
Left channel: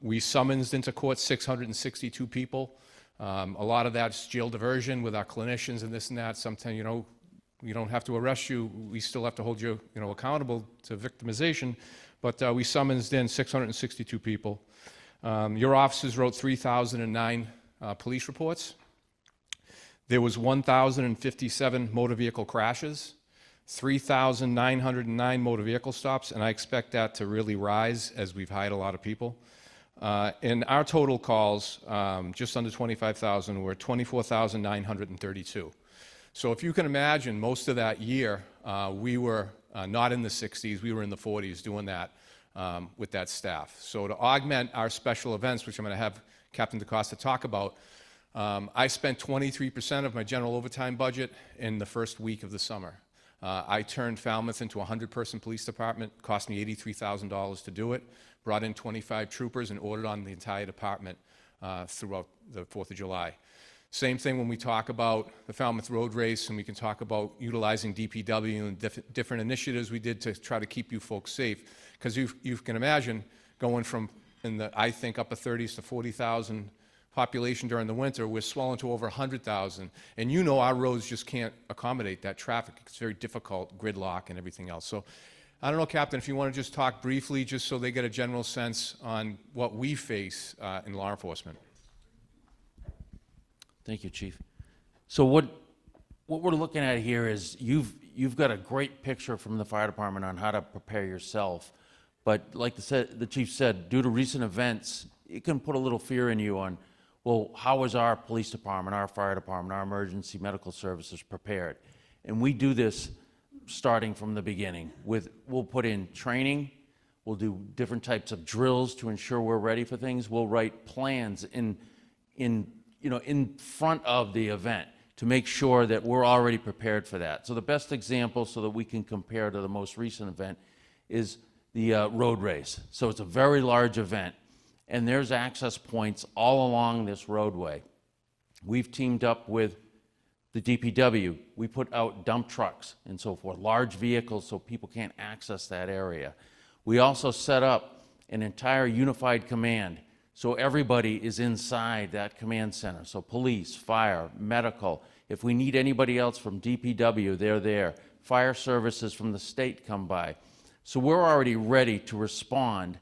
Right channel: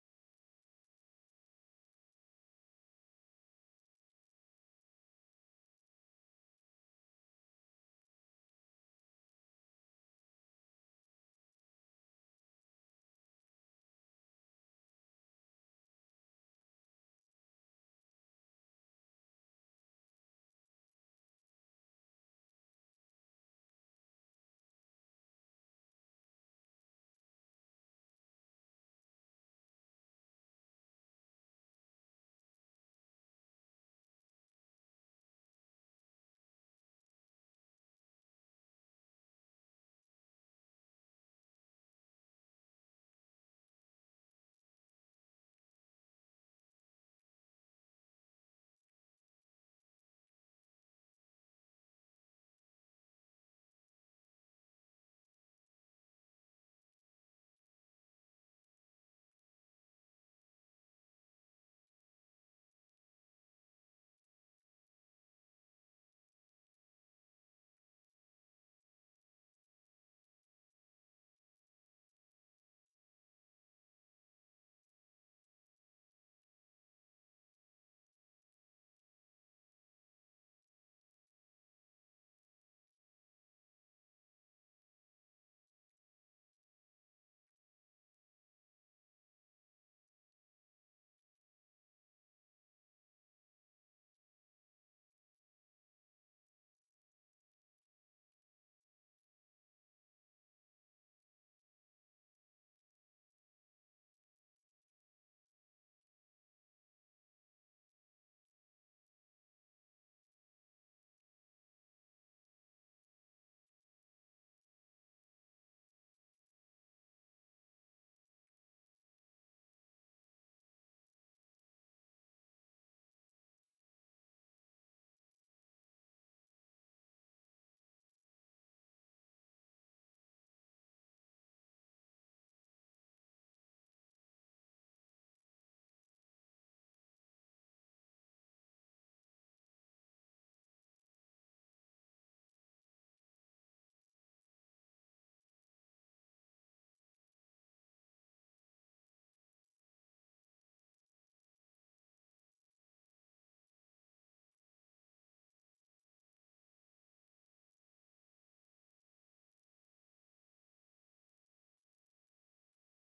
We summonsed into court 662 people. A lot of that's jail diversion with our clinicians and this and that. Sometimes, you know, we don't have to arrest you. We still have to hold you, you know, accountable to victimization. But we summonsed in 662 people. Your officers wrote 3,009 police reports. There was 1,057 motor vehicle crashes, 3,909 motor vehicle stops, and I expect that to really rise as we've hired a lot of people. And our total calls, just under 25,000, were 24,932. So if you can imagine, most of that year, we were not in the 60s, we were in the 40s doing that with that staff. So to augment our special events, which I'm going to have Captain DeCosta talk about, I spent 23% of my general overtime budget in the first week of the summer. I turned Falmouth into a 100-person police department, cost me $83,000 to do it, brought in 25 troopers and ordered on the entire department throughout the 4th of July. Same thing when we talk about the Falmouth Road Race, and we can talk about utilizing DPW and different initiatives we did to try to keep you folks safe. Because you can imagine going from, in the, I think, upper 30s to 40,000 population during the winter, we're swelling to over 100,000. And you know our roads just can't accommodate that traffic. It's very difficult, gridlock and everything else. So I don't know, Captain, if you want to just talk briefly, just so they get a general sense on what we face in law enforcement. Thank you, Chief. So what we're looking at here is you've got a great picture from the fire department on how to prepare yourself. But like the Chief said, due to recent events, it can put a little fear in you on, well, how is our police department, our fire department, our emergency medical services prepared? And we do this starting from the beginning. We'll put in training, we'll do different types of drills to ensure we're ready for things. We'll write plans in front of the event to make sure that we're already prepared for that. So the best example, so that we can compare to the most recent event, is the road race. So it's a very large event, and there's access points all along this roadway. We've teamed up with the DPW. We put out dump trucks and so forth, large vehicles, so people can't access that area. We also set up an entire unified command, so everybody is inside that command center. So police, fire, medical. If we need anybody else from DPW, they're there. Fire services from the state come by. So we're already ready to respond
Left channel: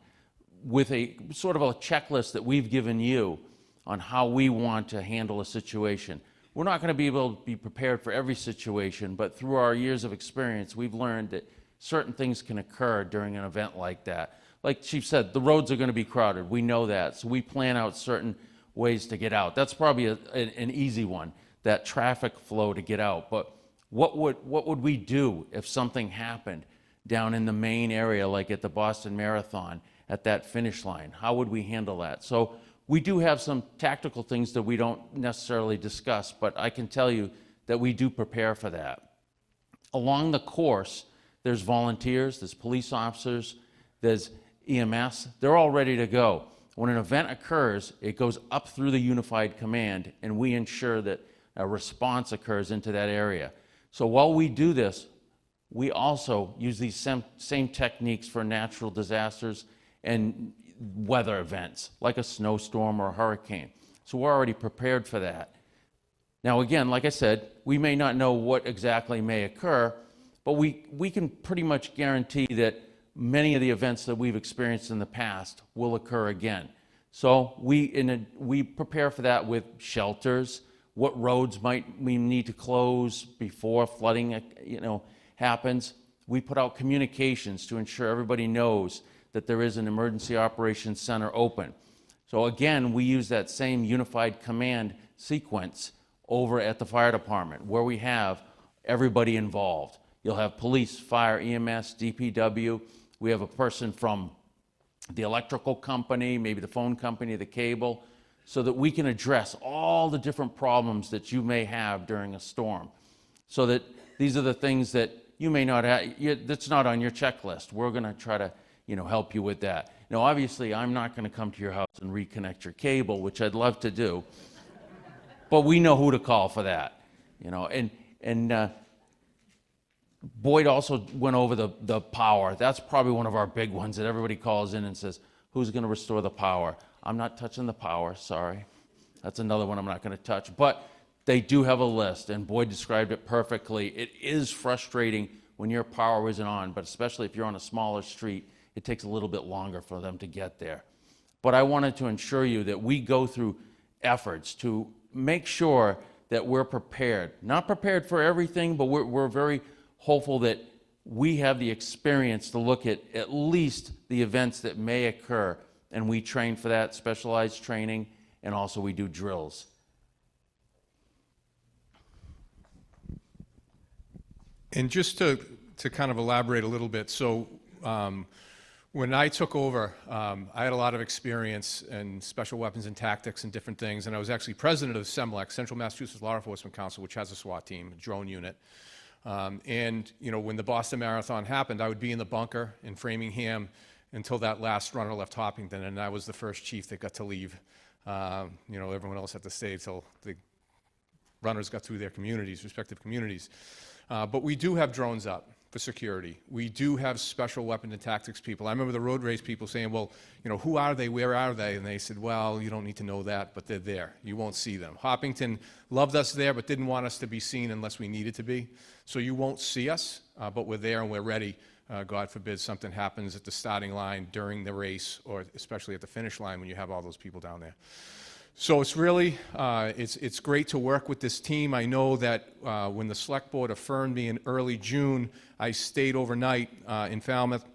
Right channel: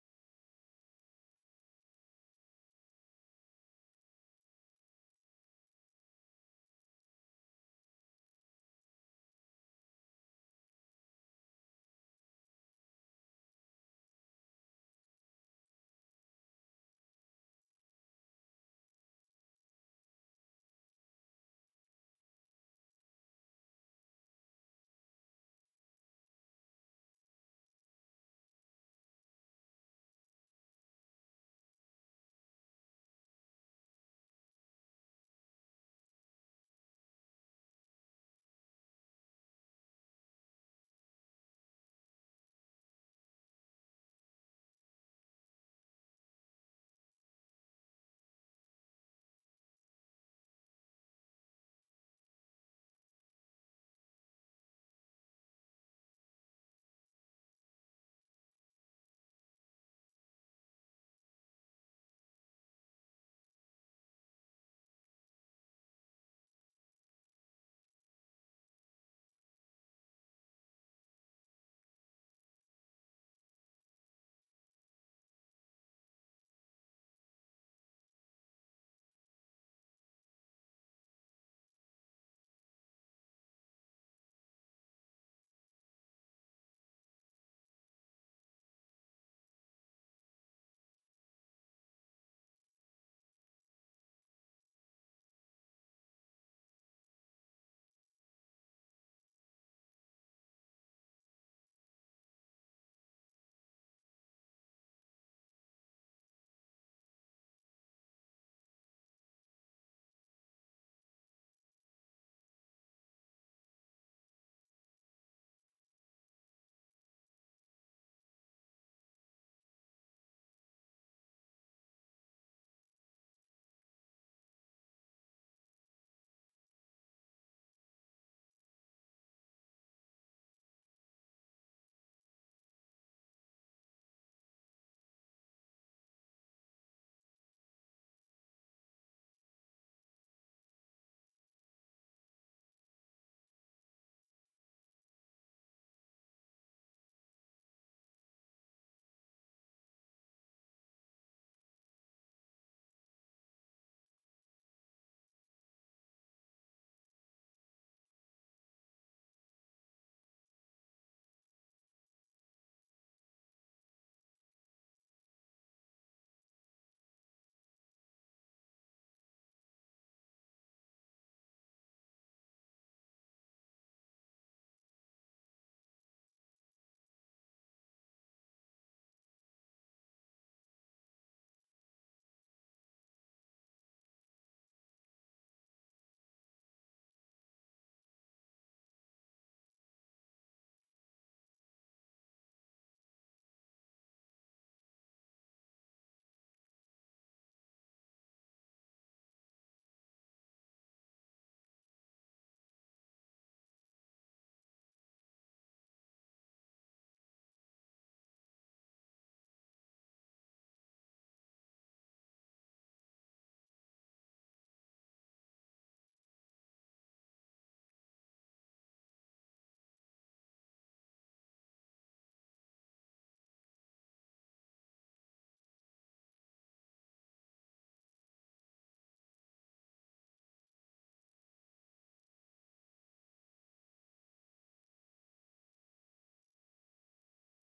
with a sort of a checklist that we've given you on how we want to handle a situation. We're not going to be able to be prepared for every situation, but through our years of experience, we've learned that certain things can occur during an event like that. Like Chief said, the roads are going to be crowded. We know that, so we plan out certain ways to get out. That's probably an easy one, that traffic flow to get out. But what would we do if something happened down in the main area, like at the Boston Marathon, at that finish line? How would we handle that? So we do have some tactical things that we don't necessarily discuss, but I can tell you that we do prepare for that. Along the course, there's volunteers, there's police officers, there's EMS. They're all ready to go. When an event occurs, it goes up through the unified command, and we ensure that a response occurs into that area. So while we do this, we also use these same techniques for natural disasters and weather events, like a snowstorm or a hurricane. So we're already prepared for that. Now again, like I said, we may not know what exactly may occur, but we can pretty much guarantee that many of the events that we've experienced in the past will occur again. So we prepare for that with shelters, what roads might we need to close before flooding happens. We put out communications to ensure everybody knows that there is an emergency operations center open. So again, we use that same unified command sequence over at the fire department, where we have everybody involved. You'll have police, fire, EMS, DPW. We have a person from the electrical company, maybe the phone company, the cable, so that we can address all the different problems that you may have during a storm. So that these are the things that you may not have, that's not on your checklist. We're gonna try to help you with that. Now, obviously, I'm not going to come to your house and reconnect your cable, which I'd love to do, but we know who to call for that, you know. And Boyd also went over the power. That's probably one of our big ones that everybody calls in and says, who's going to restore the power? I'm not touching the power, sorry. That's another one I'm not going to touch. But they do have a list, and Boyd described it perfectly. It is frustrating when your power isn't on, but especially if you're on a smaller street, it takes a little bit longer for them to get there. But I wanted to ensure you that we go through efforts to make sure that we're prepared. Not prepared for everything, but we're very hopeful that we have the experience to look at least the events that may occur, and we train for that, specialized training, and also we do drills. And just to kind of elaborate a little bit, so when I took over, I had a lot of experience in special weapons and tactics and different things, and I was actually president of CEMLEC, Central Massachusetts Law Enforcement Council, which has a SWAT team, a drone unit. And you know, when the Boston Marathon happened, I would be in the bunker in Framingham until that last runner left Hopkinton, and I was the first chief that got to leave. You know, everyone else had to stay till the runners got through their communities, respective communities. But we do have drones up for security. We do have special weapon and tactics people. I remember the road race people saying, well, you know, who are they, where are they? And they said, well, you don't need to know that, but they're there. You won't see them. Hopkinton loved us there, but didn't want us to be seen unless we needed to be. So you won't see us, but we're there and we're ready. God forbid something happens at the starting line during the race, or especially at the finish line when you have all those people down there. So it's really, it's great to work with this team. I know that when the select board affirmed me in early June, I stayed overnight in Falmouth,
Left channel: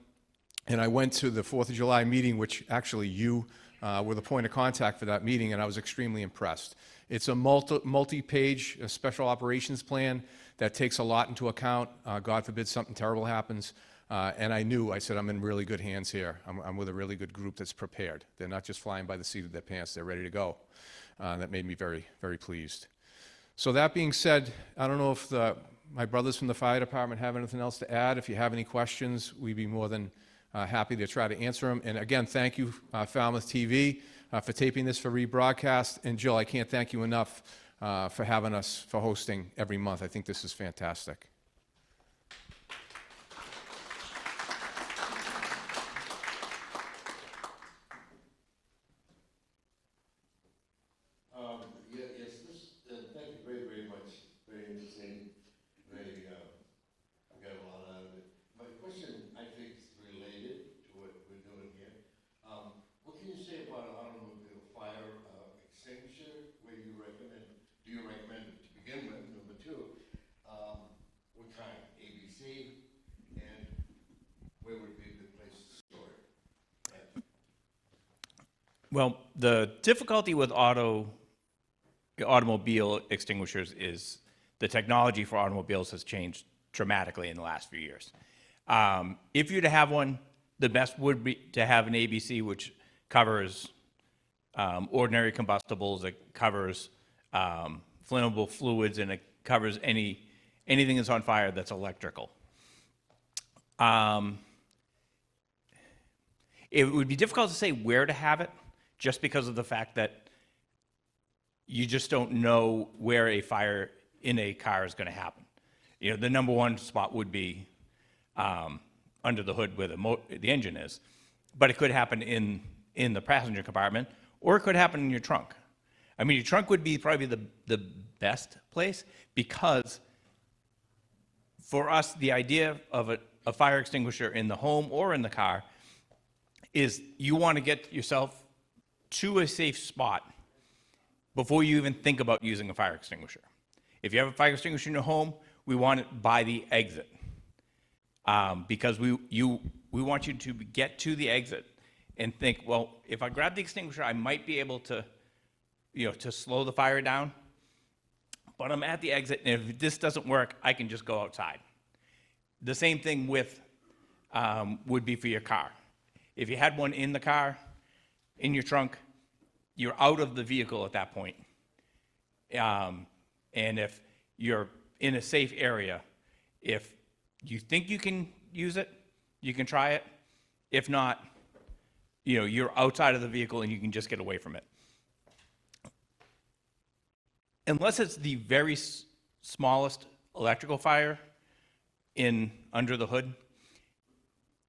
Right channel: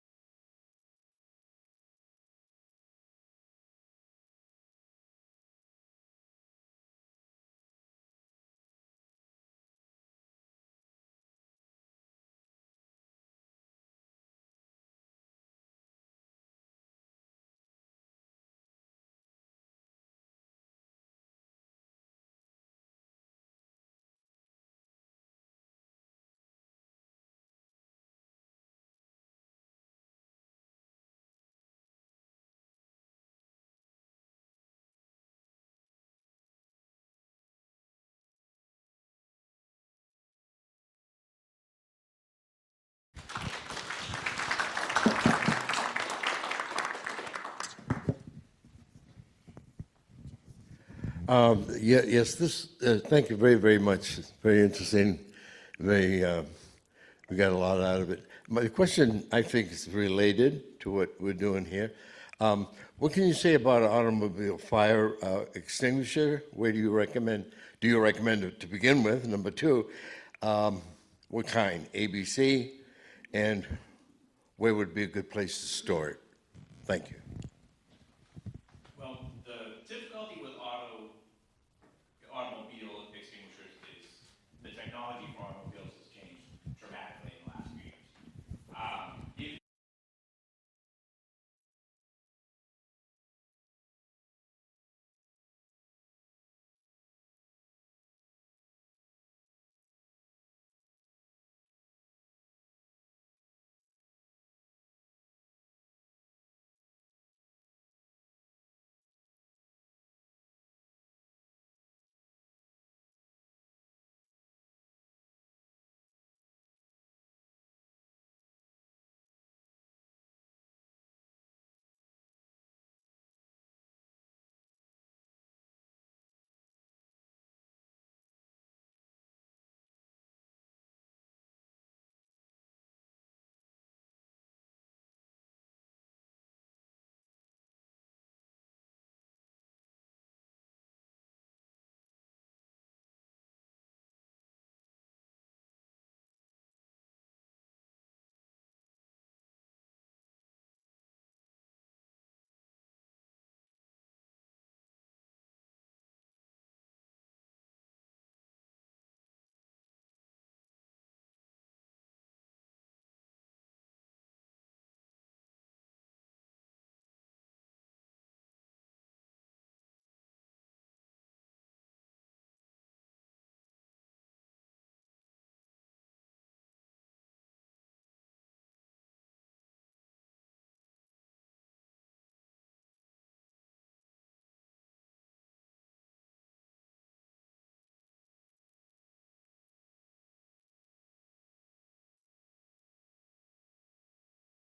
and I went to the 4th of July meeting, which actually you were the point of contact for that meeting, and I was extremely impressed. It's a multi-page special operations plan that takes a lot into account. God forbid something terrible happens. And I said, I'm in really good hands here. I'm with a really good group that's prepared. They're not just flying by the seat of their pants, they're ready to go. That made me very, very pleased. So that being said, I don't know if my brothers from the fire department have anything else to add. If you have any questions, we'd be more than happy to try to answer them. And again, thank you, Falmouth TV, for taping this for rebroadcast. And Jill, I can't thank you enough for having us, for hosting every month. I think this is fantastic. Thank you very, very much. It's very interesting. We got a lot out of it. My question, I think, is related to what we're doing here. What can you say about an automobile fire extinguisher? Where do you recommend it to begin with? Number two, what kind? ABC? And where would be a good place to store it? Thank you. Well, the difficulty with automobile extinguishers is the technology for automobiles has changed dramatically in the last few years. If you're to have one, the best would be to have an ABC, which covers ordinary combustibles, it covers flammable fluids, and it covers anything that's on fire that's electrical. It would be difficult to say where to have it, just because of the fact that you just don't know where a fire in a car is going to happen. You know, the number one spot would be under the hood where the engine is, but it could happen in the passenger compartment, or it could happen in your trunk. I mean, your trunk would be probably the best place, because for us, the idea of a fire extinguisher in the home or in the car is you want to get yourself to a safe spot before you even think about using a fire extinguisher. If you have a fire extinguisher in your home, we want it by the exit, because we want you to get to the exit and think, well, if I grab the extinguisher, I might be able to, to slow the fire down, but I'm at the exit, and if this doesn't work, I can just go outside. The same thing would be for your car. If you had one in the car, in your trunk, you're out of the vehicle at that point. And if you're in a safe area, if you think you can use it, you can try it. If not, you're outside of the vehicle and you can just get away from it. Unless it's the very smallest electrical fire under the hood,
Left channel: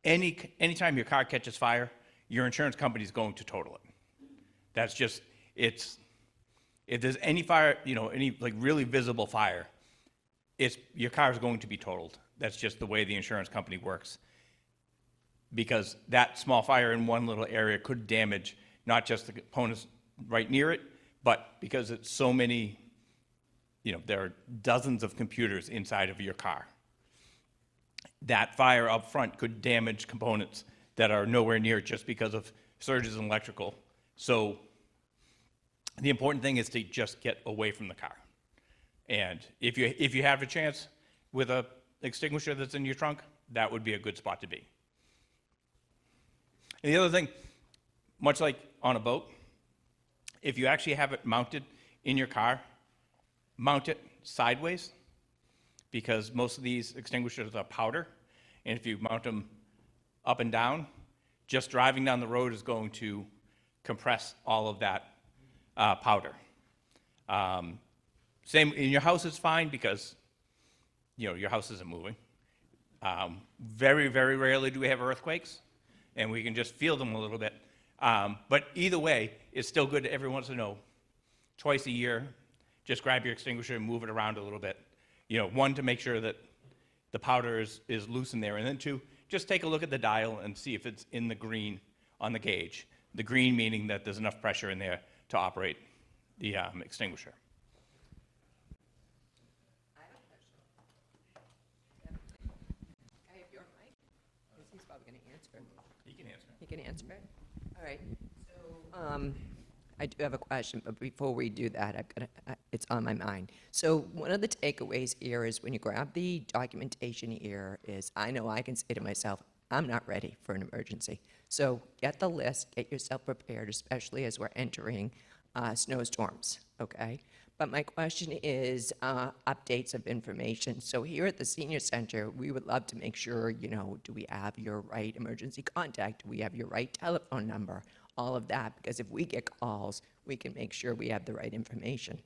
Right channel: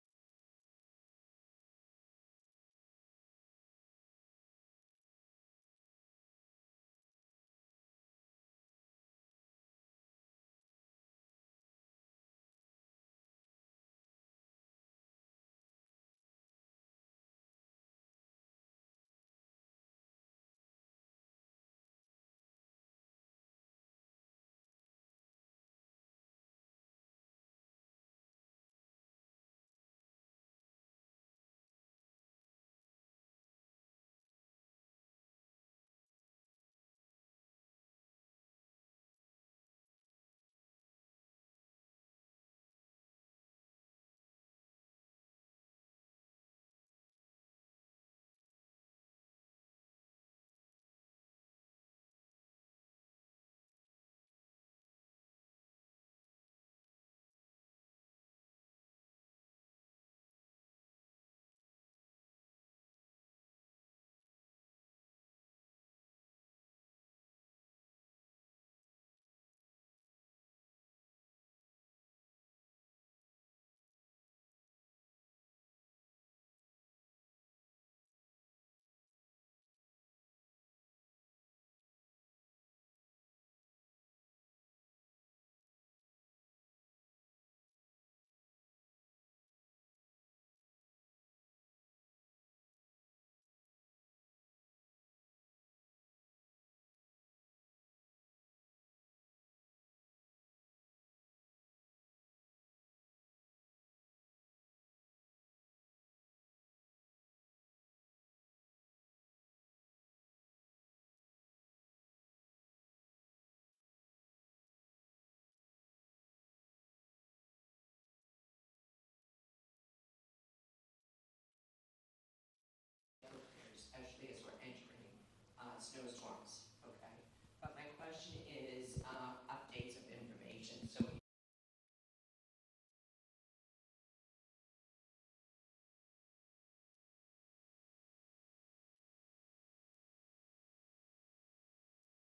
anytime your car catches fire, your insurance company is going to total it. That's just, if there's any fire, any like really visible fire, your car is going to be totaled. That's just the way the insurance company works. Because that small fire in one little area could damage not just the components right near it, but because it's so many, there are dozens of computers inside of your car. That fire up front could damage components that are nowhere near just because of surges in electrical. So the important thing is to just get away from the car. And if you have a chance with a extinguisher that's in your trunk, that would be a good spot to be. And the other thing, much like on a boat, if you actually have it mounted in your car, mount it sideways, because most of these extinguishers are powder, and if you mount them up and down, just driving down the road is going to compress all of that powder. Same in your house is fine because your house isn't moving. Very, very rarely do we have earthquakes, and we can just feel them a little bit. But either way, it's still good every once in a while, twice a year, just grab your extinguisher and move it around a little bit. One, to make sure that the powder is loose in there, and then two, just take a look at the dial and see if it's in the green on the gauge. The green meaning that there's enough pressure in there to operate the extinguisher. I have your mic. He's probably going to answer it. You can answer. He can answer it? All right. So I do have a question, but before we do that, it's on my mind. So one of the takeaways here is when you grab the documentation here is I know I can say to myself, I'm not ready for an emergency. So get the list, get yourself prepared, especially as we're entering snowstorms, okay? But my question is updates of information. So here at the Senior Center, we would love to make sure, do we have your right emergency contact? Do we have your right telephone number? All of that, because if we get calls, we can make sure we have the right information.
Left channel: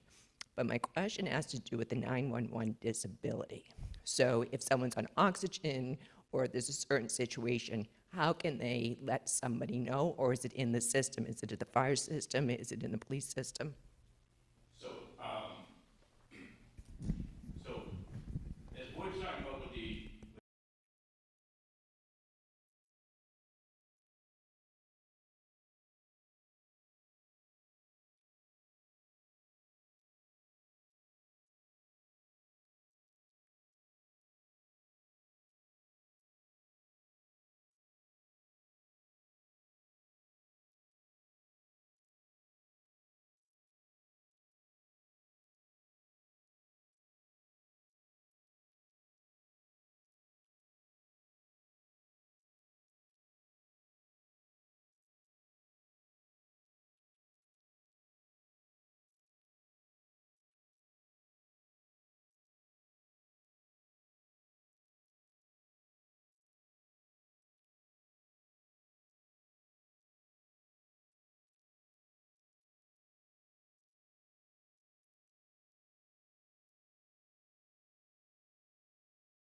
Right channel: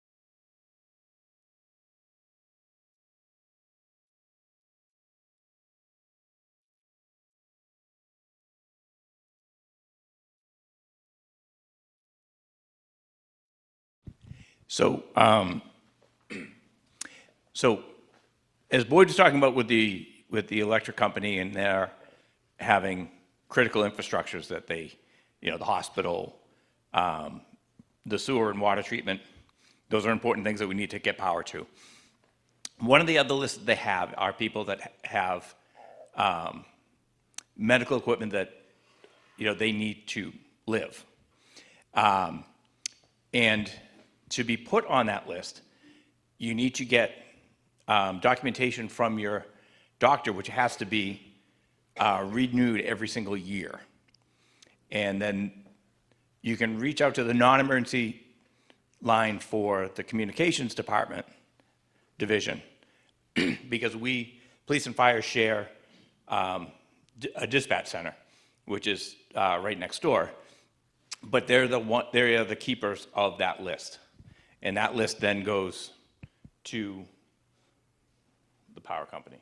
But my question has to do with the 911 disability. So if someone's on oxygen or there's a certain situation, how can they let somebody know? Or is it in the system? Is it in the fire system? Is it in the police system? So, as Boyd was talking about with the electric company, and they're having critical infrastructures that they, the hospital, the sewer and water treatment, those are important things that we need to get power to. One of the other lists that they have are people that have medical equipment that, they need to live. And to be put on that list, you need to get documentation from your doctor, which has to be renewed every single year. And then you can reach out to the non-emergency line for the communications department division, because police and fire share a dispatch center, which is right next door. But they are the keepers of that list. And that list then goes to the power company.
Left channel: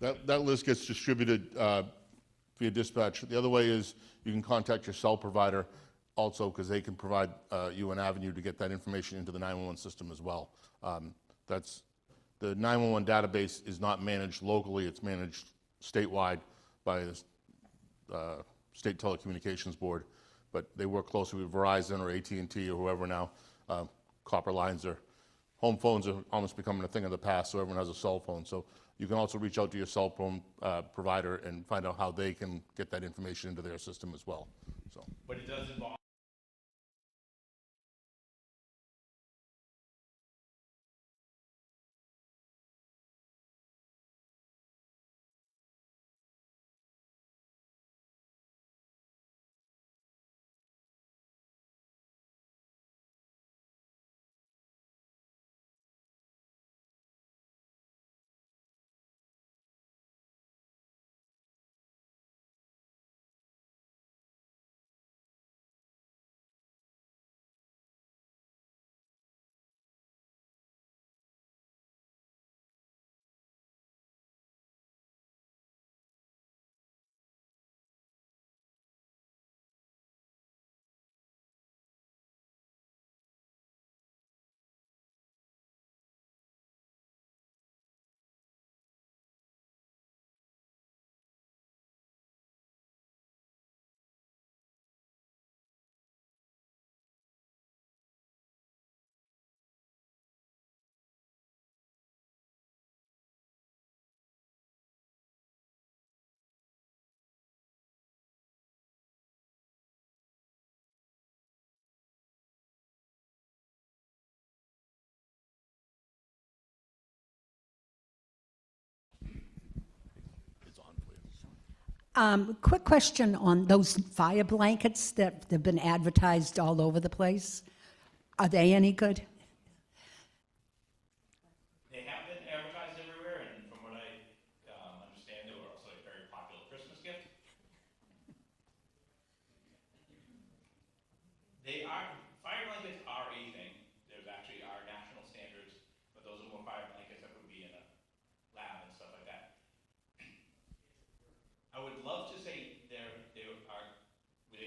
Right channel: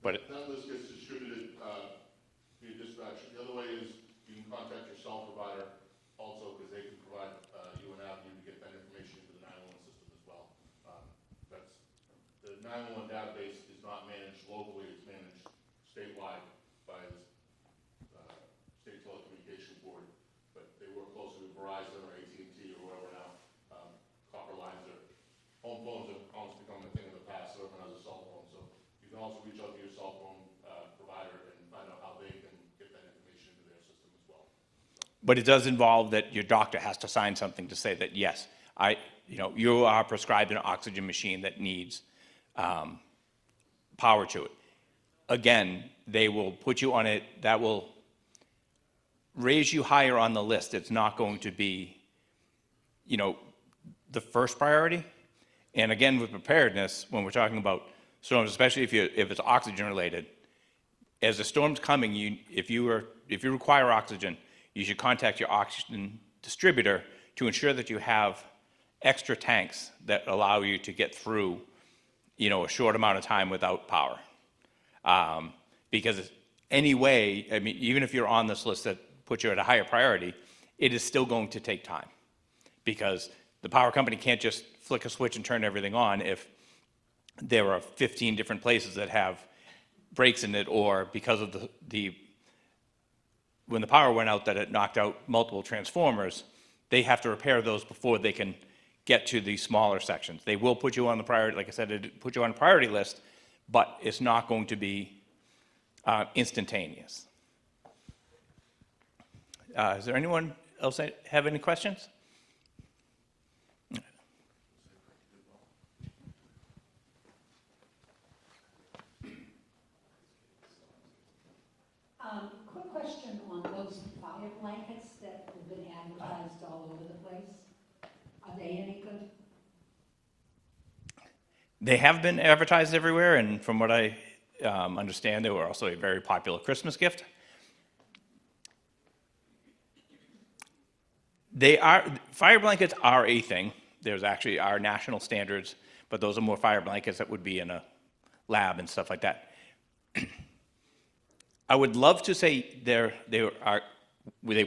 That list gets distributed via dispatch. The other way is you can contact your cell provider also, because they can provide you an avenue to get that information into the 911 system as well. The 911 database is not managed locally, it's managed statewide by the State Telecommunications Board, but they work closely with Verizon or AT&T or whoever now. Copper lines home phones are almost becoming a thing of the past, so everyone has a cell phone. So you can also reach out to your cell phone provider and find out how they can get that information into their system as well. So. But it does involve that your doctor has to sign something to say that, yes, you are prescribed an oxygen machine that needs power to it. Again, they will put you on it, that will raise you higher on the list. It's not going to be, the first priority. And again, with preparedness, when we're talking about storms, especially if it's oxygen related, as the storm's coming, if you require oxygen, you should contact your oxygen distributor to ensure that you have extra tanks that allow you to get through, a short amount of time without power. Because anyway, I mean, even if you're on this list that puts you at a higher priority, it is still going to take time, because the power company can't just flick a switch and turn everything on if there are 15 different places that have breaks in it, or because of when the power went out that it knocked out multiple transformers, they have to repair those before they can get to the smaller sections. They will put you on the priority, like I said, it put you on a priority list, but it's not going to be instantaneous. Is there anyone else that have any questions? Quick question on those fire blankets that have been advertised all over the place. Are they any good? They have been advertised everywhere, and from what I understand, they were also a very popular Christmas gift. Fire blankets are a thing. There's actually our national standards, but those are more fire blankets that would be in a lab and stuff like that. I would love to say they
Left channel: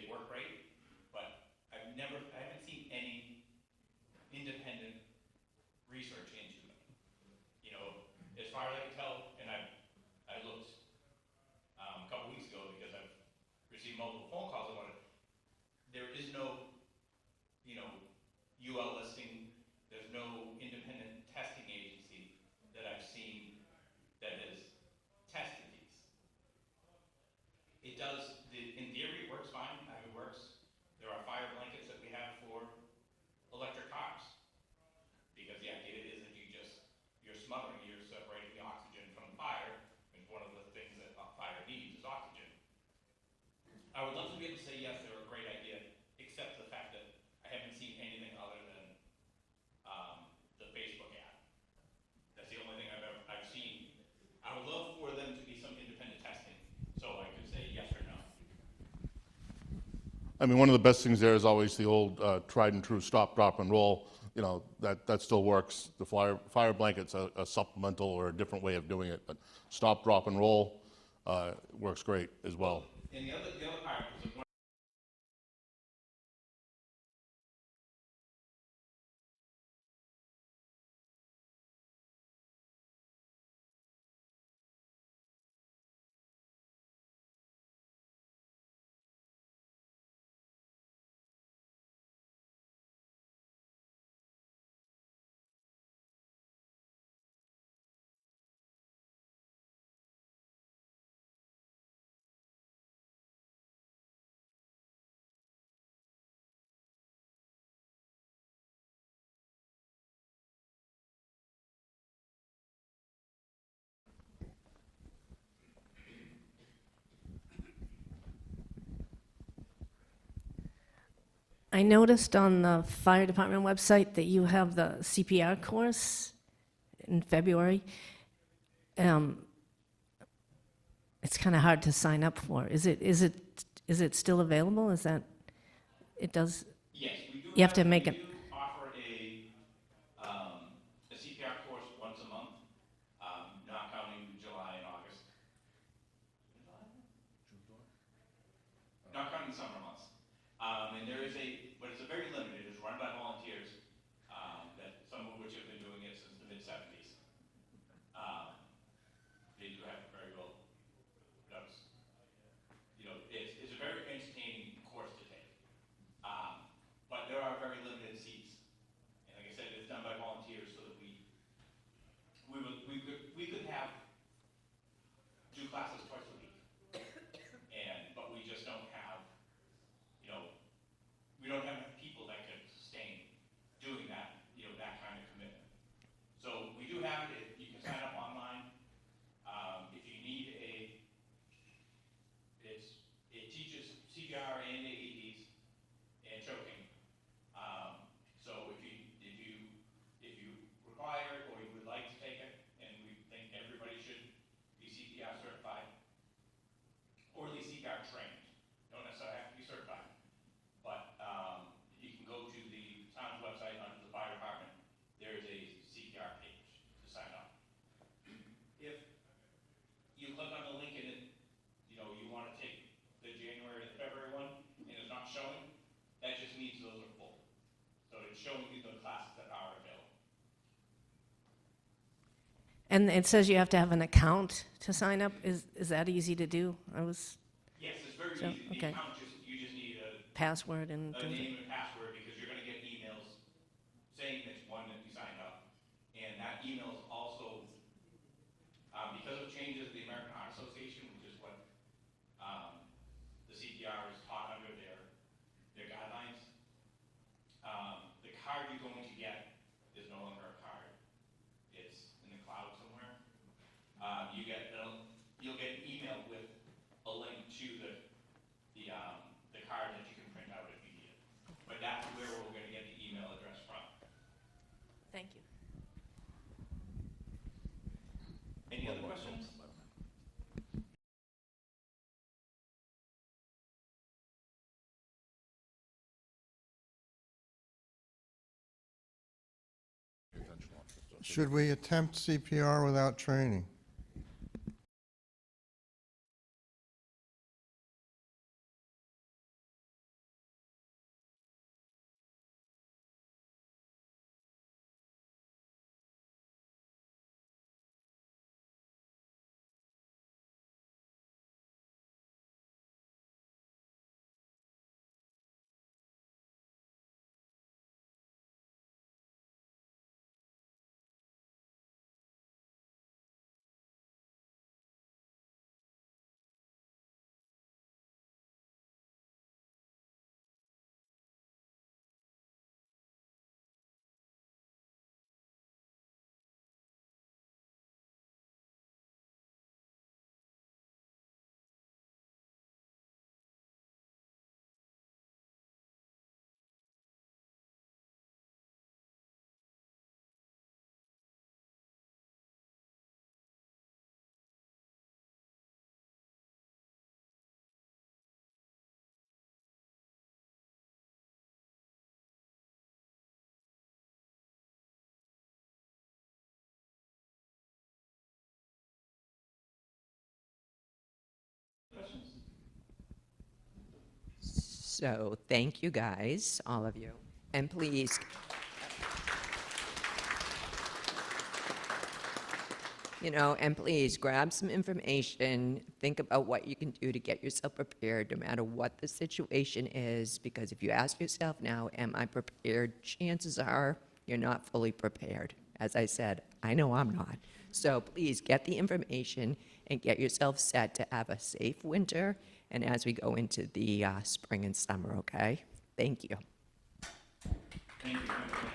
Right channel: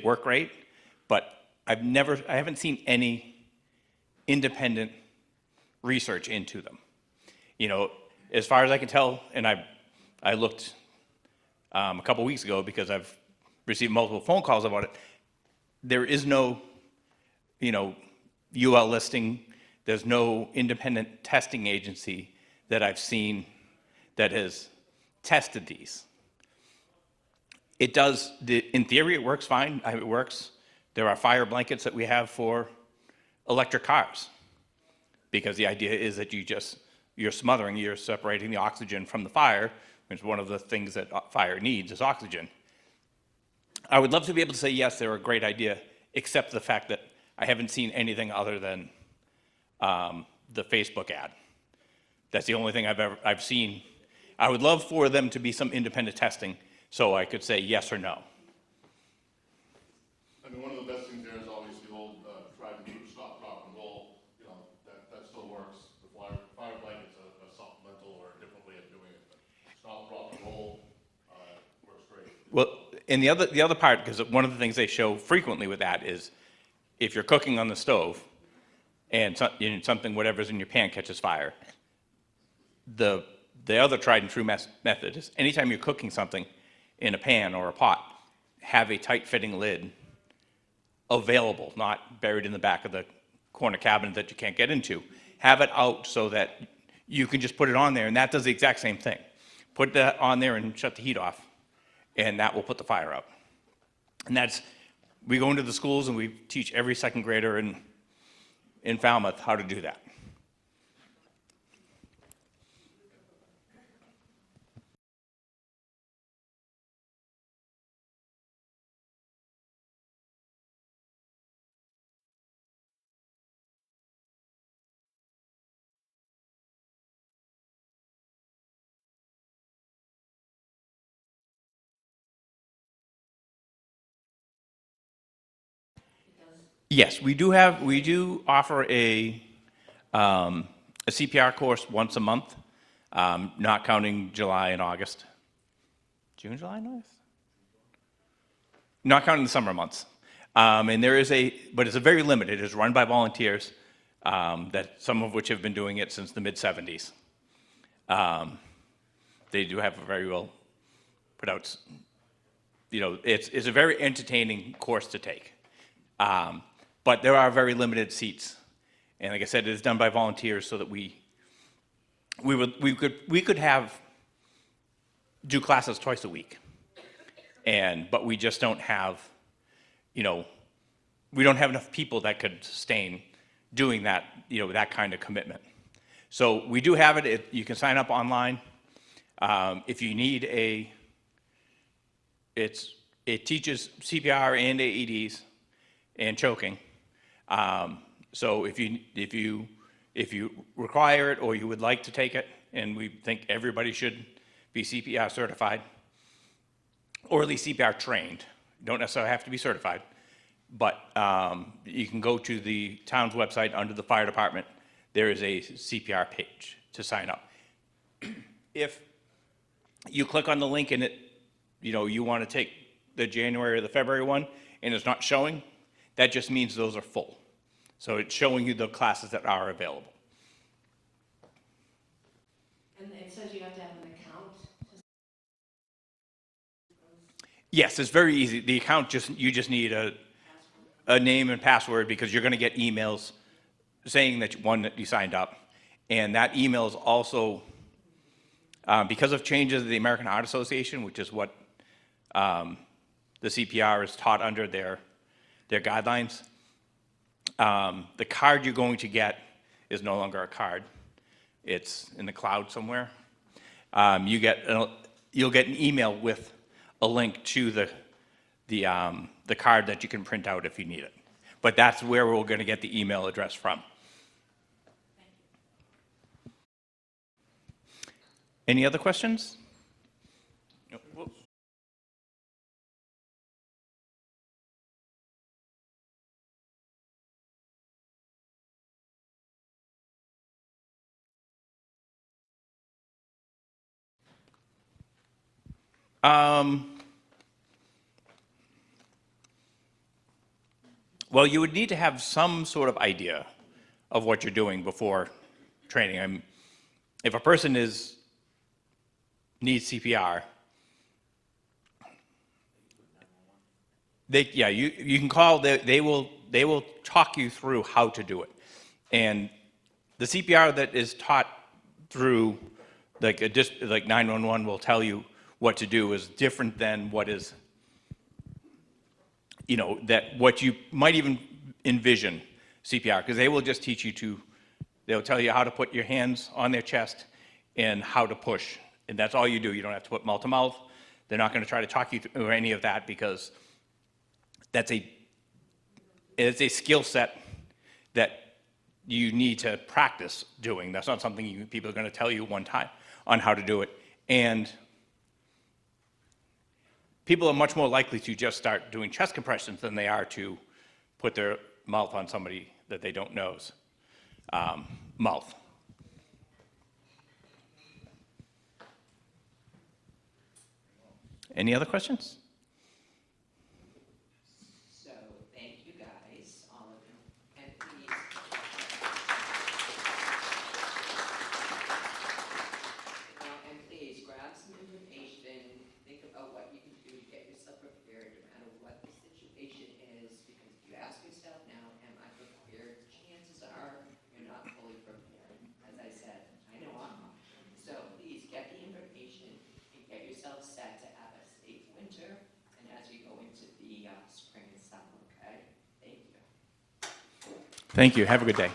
work great, but I haven't seen any independent research into them. As far as I can tell, and I looked a couple weeks ago because I've received multiple phone calls about it. There is no, UL listing. There's no independent testing agency that I've seen that has tested these. It does, in theory, it works fine. It works. There are fire blankets that we have for electric cars, because the idea is that you're smothering, you're separating the oxygen from the fire, which is one of the things that fire needs is oxygen. I would love to be able to say, yes, they're a great idea, except the fact that I haven't seen anything other than the Facebook ad. That's the only thing I've seen. I would love for them to be some independent testing so I could say yes or no. I mean, one of the best things there is always the old tried and true stop, drop, and roll. That still works. The fire blanket's a supplemental or a different way of doing it, but stop, drop, and roll works great as well. And the other part, because one of the things they show frequently with that is if you're cooking on the stove and something, whatever's in your pan catches fire, the other tried and true method is anytime you're cooking something in a pan or a pot, have a tight-fitting lid available, not buried in the back of the corner cabinet that you can't get into. Have it out so that you can just put it on there, and that does the exact same thing. Put that on there and shut the heat off, and that will put the fire out. And we go into the schools and we teach every second grader in Falmouth how to do that. I noticed on the fire department website that you have the CPR course in February. It's kind of hard to sign up for. Is it still available? Is that it does? Yes, we do offer a CPR course once a month, not counting July and August. June, July, and August? Not counting the summer months. And but it's a very limited. It's run by volunteers, that some of which have been doing it since the mid-'70s. They do have a very well put out, it's a very entertaining course to take. But there are very limited seats. And like I said, it is done by volunteers so that we could do classes twice a week. But we just don't have, we don't have enough people that could sustain doing that, that kind of commitment. So we do have it. You can sign up online. If you need it teaches CPR and AEDs and choking. So if you require it or you would like to take it, and we think everybody should be CPR certified, or at least CPR trained. don't necessarily have to be certified, but you can go to the town's website under the fire department. There is a CPR page to sign up. If you click on the link and you want to take the January or the February one and it's not showing, that just means those are full. So it's showing you the classes that are available. And it says you have to have an account to sign up. Is that easy to do? Yes, it's very easy. The account, you just need a Password and. name and password, because you're going to get emails saying that you signed up. And that email is also, because of changes of the American Heart Association, which is what the CPR is taught under their guidelines, the card you're going to get is no longer a card. It's in the cloud somewhere. You'll get an email with a link to the card that you can print out if you need it. But that's where we're going to get the email address from. Thank you. Any other questions? No, whoops. Should we attempt CPR without training? Well, you would need to have some sort of idea of what you're doing before training. If a person needs CPR, you can call. They will talk you through how to do it, and the CPR that is taught through like 911 will tell you what to do is different than what is, what you might even envision CPR, because they will just teach you they'll tell you how to put your hands on their chest and how to push. And that's all you do. You don't have to put mouth to mouth. They're not going to try to talk you through any of that, because it's a skill set that you need to practice doing. That's not something people are going to tell you one time on how to do it. And people are much more likely to just start doing chest compressions than they are to put their mouth on somebody that they don't know's mouth. Any other questions? So thank you guys, all of you. And please, and please grab some information, think about what you can do to get yourself prepared no matter what the situation is, because if you ask yourself now, am I prepared? Chances are you're not fully prepared. As I said, I know I'm not. So please get the information and get yourself set to have a safe winter and as we go into the spring and summer, okay? Thank you. Thank you. Have a good day.